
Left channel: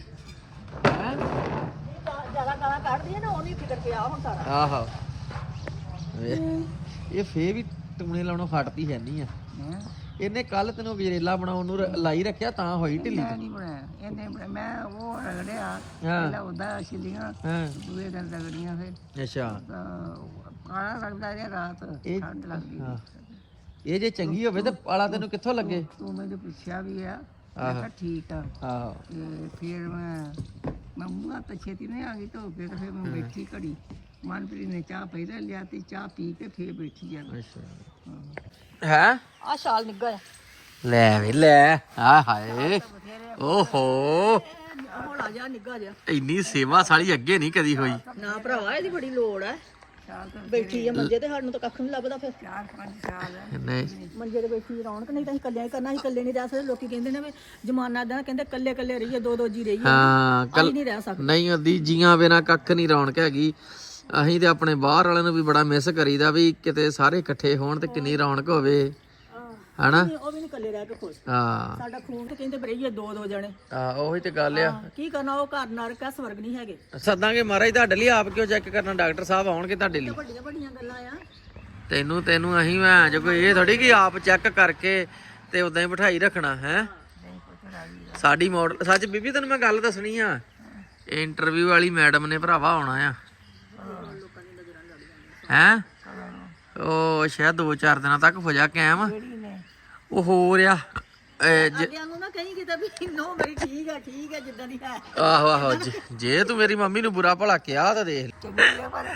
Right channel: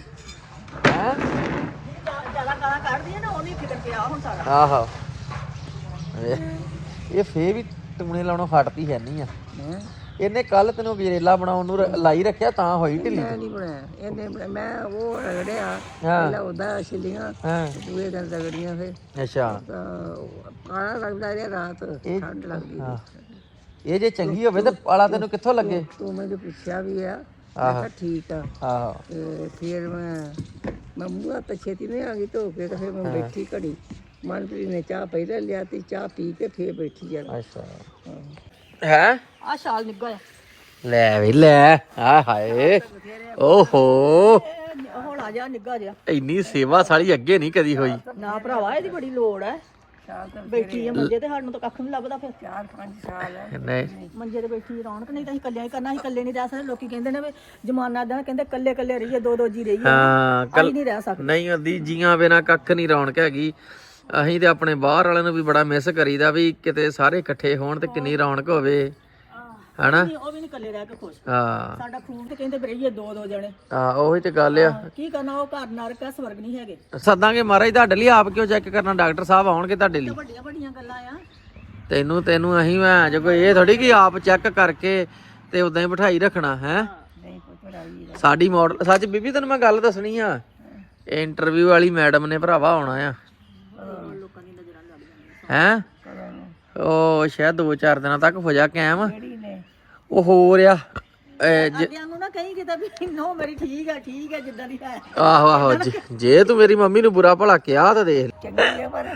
Speaker 1: ਹੈ
Speaker 2: ਜ਼ਿਆਦਾ ਗਾਲਾਂ ਕੱਢਦੀ ਆ ਨਾ ਉਹਦੀ ਫਿਕਰ ਪਿਆ ਹੁਣ ਸਾਰਾ।
Speaker 1: ਆਹੋ। ਇਹ ਫੇ ਵੀ ਟੂਣੇ ਲਾਉਣੋਂ ਹਟਦੀ ਹੈ ਨਹੀਂ ਆ। ਇਹਨੇ ਕੱਲ ਤੈਨੂੰ ਗਜਰੇਲਾ ਬਣਾਉਣ ਨੂੰ ਰ- ਲਾਈ ਰੱਖਿਆ ਤਾਂ ਹੋਈ ਢਿੱਲੀ
Speaker 4: ਮੈਂ ਨਹੀਂ ਬਣਾਇਆ। ਇਹਨੇ ਬਣਾਇਆ। ਮੈਂ ਉਹ ਰਗੜਿਆ।
Speaker 1: ਹਾਂ।
Speaker 4: ਪਹਿਲਾਂ ਉਹਦਾ ਛਿੱਲੀਆਂ
Speaker 1: ਹਾਂ।
Speaker 4: ਦੂਏ ਦਿਨ ਰਗੜੀਆਂ ਫਿਰ।
Speaker 1: ਅੱਛਾ।
Speaker 4: ਤਾਂ ਕਾਲਾ ਲੱਗਦਾ ਰਿਹਾ ਰਾਤ
Speaker 1: ਇਹ-
Speaker 4: ਠੰਡ ਲੱਗਦੀ।
Speaker 1: ਹਾਂ। ਇਹ ਜੇ ਚੰਗੀ ਹੋਵੇ ਤੇ ਪਾਲਾ ਤੈਨੂੰ ਕਿੱਥੋਂ ਲੱਗੇ?
Speaker 4: ਤੂੰ ਮੈਨੂੰ ਪੁੱਛਿਆ ਵੀ ਆ। ਮੈਂ
Speaker 1: ਆਹੋ।
Speaker 4: ਕਿਹਾ ਠੀਕ ਆ।
Speaker 1: ਆਹੋ।
Speaker 4: ਤੇ ਫਿਰ ਮੈਂ ਮੈਂ ਮੂੰਹ ਤਾਂ ਛੇਤੀ ਨਹੀਂ ਆ ਗਈ ਧੋ ਕੇ ਤੇ ਫਿਰ ਮੈਂ ਬੈਠੀ ਘੜੀ। ਮਨਪ੍ਰੀਤ ਨੇ ਚਾਹ ਪਹਿਲਾਂ ਲਿਆ ਤੇ ਚਾਹ ਪੀ ਕੇ ਫਿਰ ਬੈਠੀ ਆ।
Speaker 1: ਅੱਛਾ। ਹੈ।
Speaker 2: ਆ ਸ਼ਾਲ ਨਿੱਗਲ
Speaker 1: ਲੈ ਵੀ ਲੈ ਆ ਹਾਏ। ਓਹੋ।
Speaker 2: ਹੌਲਾ ਜਿਹਾ ਨਿੱਗਾ ਜਿਹਾ।
Speaker 1: ਇੰਨੀ ਸੇਵਾ ਸਾਲੀ ਅੱਗੇ ਨਹੀਂ ਕਦੀ ਹੋਈ।
Speaker 2: ਨਾ ਭਰਾਵਾ ਇਹਦੀ ਬੜੀ ਲੋੜ ਹੈ
Speaker 4: ਸਾਲ ਤਾਂ
Speaker 2: ਬੈਠੀ ਹੈ ਮੰਜੇ ਤੇ ਸਾਨੂੰ ਤਾਂ ਕੱਖ ਨਹੀਂ ਲੱਭਦਾ ਫਿਰ।
Speaker 4: ਚਾਰ ਪੰਜ ਸਾਲ ਹੈ
Speaker 1: ਨਹੀਂ।
Speaker 2: ਮੰਜੇ ਤੇ ਬੈਠੀ ਰੌਣਕ ਨਹੀਂ ਤਾਂ ਅਸੀਂ ਇਕੱਲੇ ਹੀ ਕਰਨਾ ਅਸੀਂ ਇਕੱਲੇ ਨਹੀਂ ਰਹਿ ਸਕਦੇ। ਲੋਕੀ ਕਹਿੰਦੇ ਨੇ ਵੀ ਜਮਾਨਾ ਦਾ ਕਹਿੰਦੇ ਇਕੱਲੇ ਇਕੱਲੇ ਰਹੀਏ ਦੋ ਦੋ ਜੀ ਰਹੀਏ।
Speaker 1: ਹਾਂ
Speaker 2: ਅਸੀਂ
Speaker 1: ਕੱਲ
Speaker 2: ਨਹੀਂ ਰਹਿ ਸਕਦੇ।
Speaker 1: ਨਹੀਂ ਅੱਧੀ ਜੀਆਂ ਬਿਨਾ ਕੱਖ ਨਹੀਂ ਰੌਣਕ ਹੈਗੀ। ਅਸੀਂ ਤੇ ਆਪਣੇ ਬਾਹਰ ਵਾਲਿਆਂ ਨੂੰ ਵੀ ਬੜਾ ਮਿਸ ਕਰੀਦਾ ਵੀ ਕਿਤੇ ਸਾਰੇ ਇਕੱਠੇ ਹੋਣ ਤੇ ਕਿੰਨੀ ਰੌਣਕ ਹੋਵੇ। ਹਨਾ?
Speaker 2: ਉਹ ਇਕੱਲੇ ਰਹਿ ਕੇ ਖੁਸ਼।
Speaker 1: ਹਾਂ।
Speaker 2: ਸਾਡਾ ਤੇ ਕਹਿੰਦੇ ਵੀ ਰਹੀਏ ਦੋ ਦੋ ਜਣੇ।
Speaker 1: ਆ ਉਹੀ ਤੇ ਗੱਲ ਆ।
Speaker 2: ਕੀ ਕਰਨਾ ਉਹ ਘਰ ਨਰਕ ਹੈ ਸਵਰਗ ਨਹੀਂ ਹੈਗੇ।
Speaker 1: ਸੱਦਾਂਗੇ ਮਹਾਰਾਜ ਤੁਹਾਡੇ ਲਈ ਆਪ ਕਿਉਂ ਚੈੱਕ ਕਰਨਾ? ਡਾਕਟਰ ਸਾਹਿਬ ਆਉਣਗੇ ਤੁਹਾਡੇ ਲਈ।
Speaker 2: ਵੱਡੀਆਂ ਵੱਡੀਆਂ ਗੱਲਾਂ ਆ।
Speaker 1: ਤੈਨੂੰ ਤੈਨੂੰ ਅਸੀਂ ਮੈਂ ਜੇ ਕੋਈ ਇਹ ਥੋੜੀ ਕਿ ਆਪ ਚੈੱਕ ਕਰਕੇ ਤੇ ਉਦਾਂ ਹੀ ਬਿਠਾਈ ਰੱਖਣਾ ਹੈ?
Speaker 4: ਨਹੀਂ ਪੁੱਤ ਰਾਜੀ ਦਾ
Speaker 1: ਸਾਡੀ ਮਾਡਲ ਸੱਚ ਬੀਬੀ ਤੈਨੂੰ ਮੈਂ ਗੱਲ ਦੱਸਣੀ ਆ। ਇੰਟਰਵਿਊ ਵਾਲੀ ਮੈਡਮ ਨੇ ਭਰਾਵਾ ਆਉਣਾ ਆ। ਹੈ। ਉਹ ਸ਼ਾਇਦ 2-4 ਦਿਨਾਂ ਤੱਕ ਹੋ ਜਾ ਕਾਇਮ। ਉਹ ਹੋ ਰਿਹਾ ਇਹ ਜ-
Speaker 2: ਅੱਗੇ ਨੂੰ ਨਾ ਕਹੀਂ ਕਿਤੇ ਵੀ ਨੋ ਮੇਰੀ ਠੀਕ ਹੈ ਠੀਕ ਹੈ ਜਿੱਦਾਂ ਦੀ ਹੈ।
Speaker 1: ਆਹੋ ਆਹੋ ਜੇ- ਜੇ ਤੂੰ ਮੇਰੀ ਮੰਮੀ ਨੂੰ ਬੁਰਾ ਭਲਾ ਕਿਹਾ ਤਾਂ ਦੇਖ
Speaker 4: ਚੰਗੀ ਹੈ ਪਰ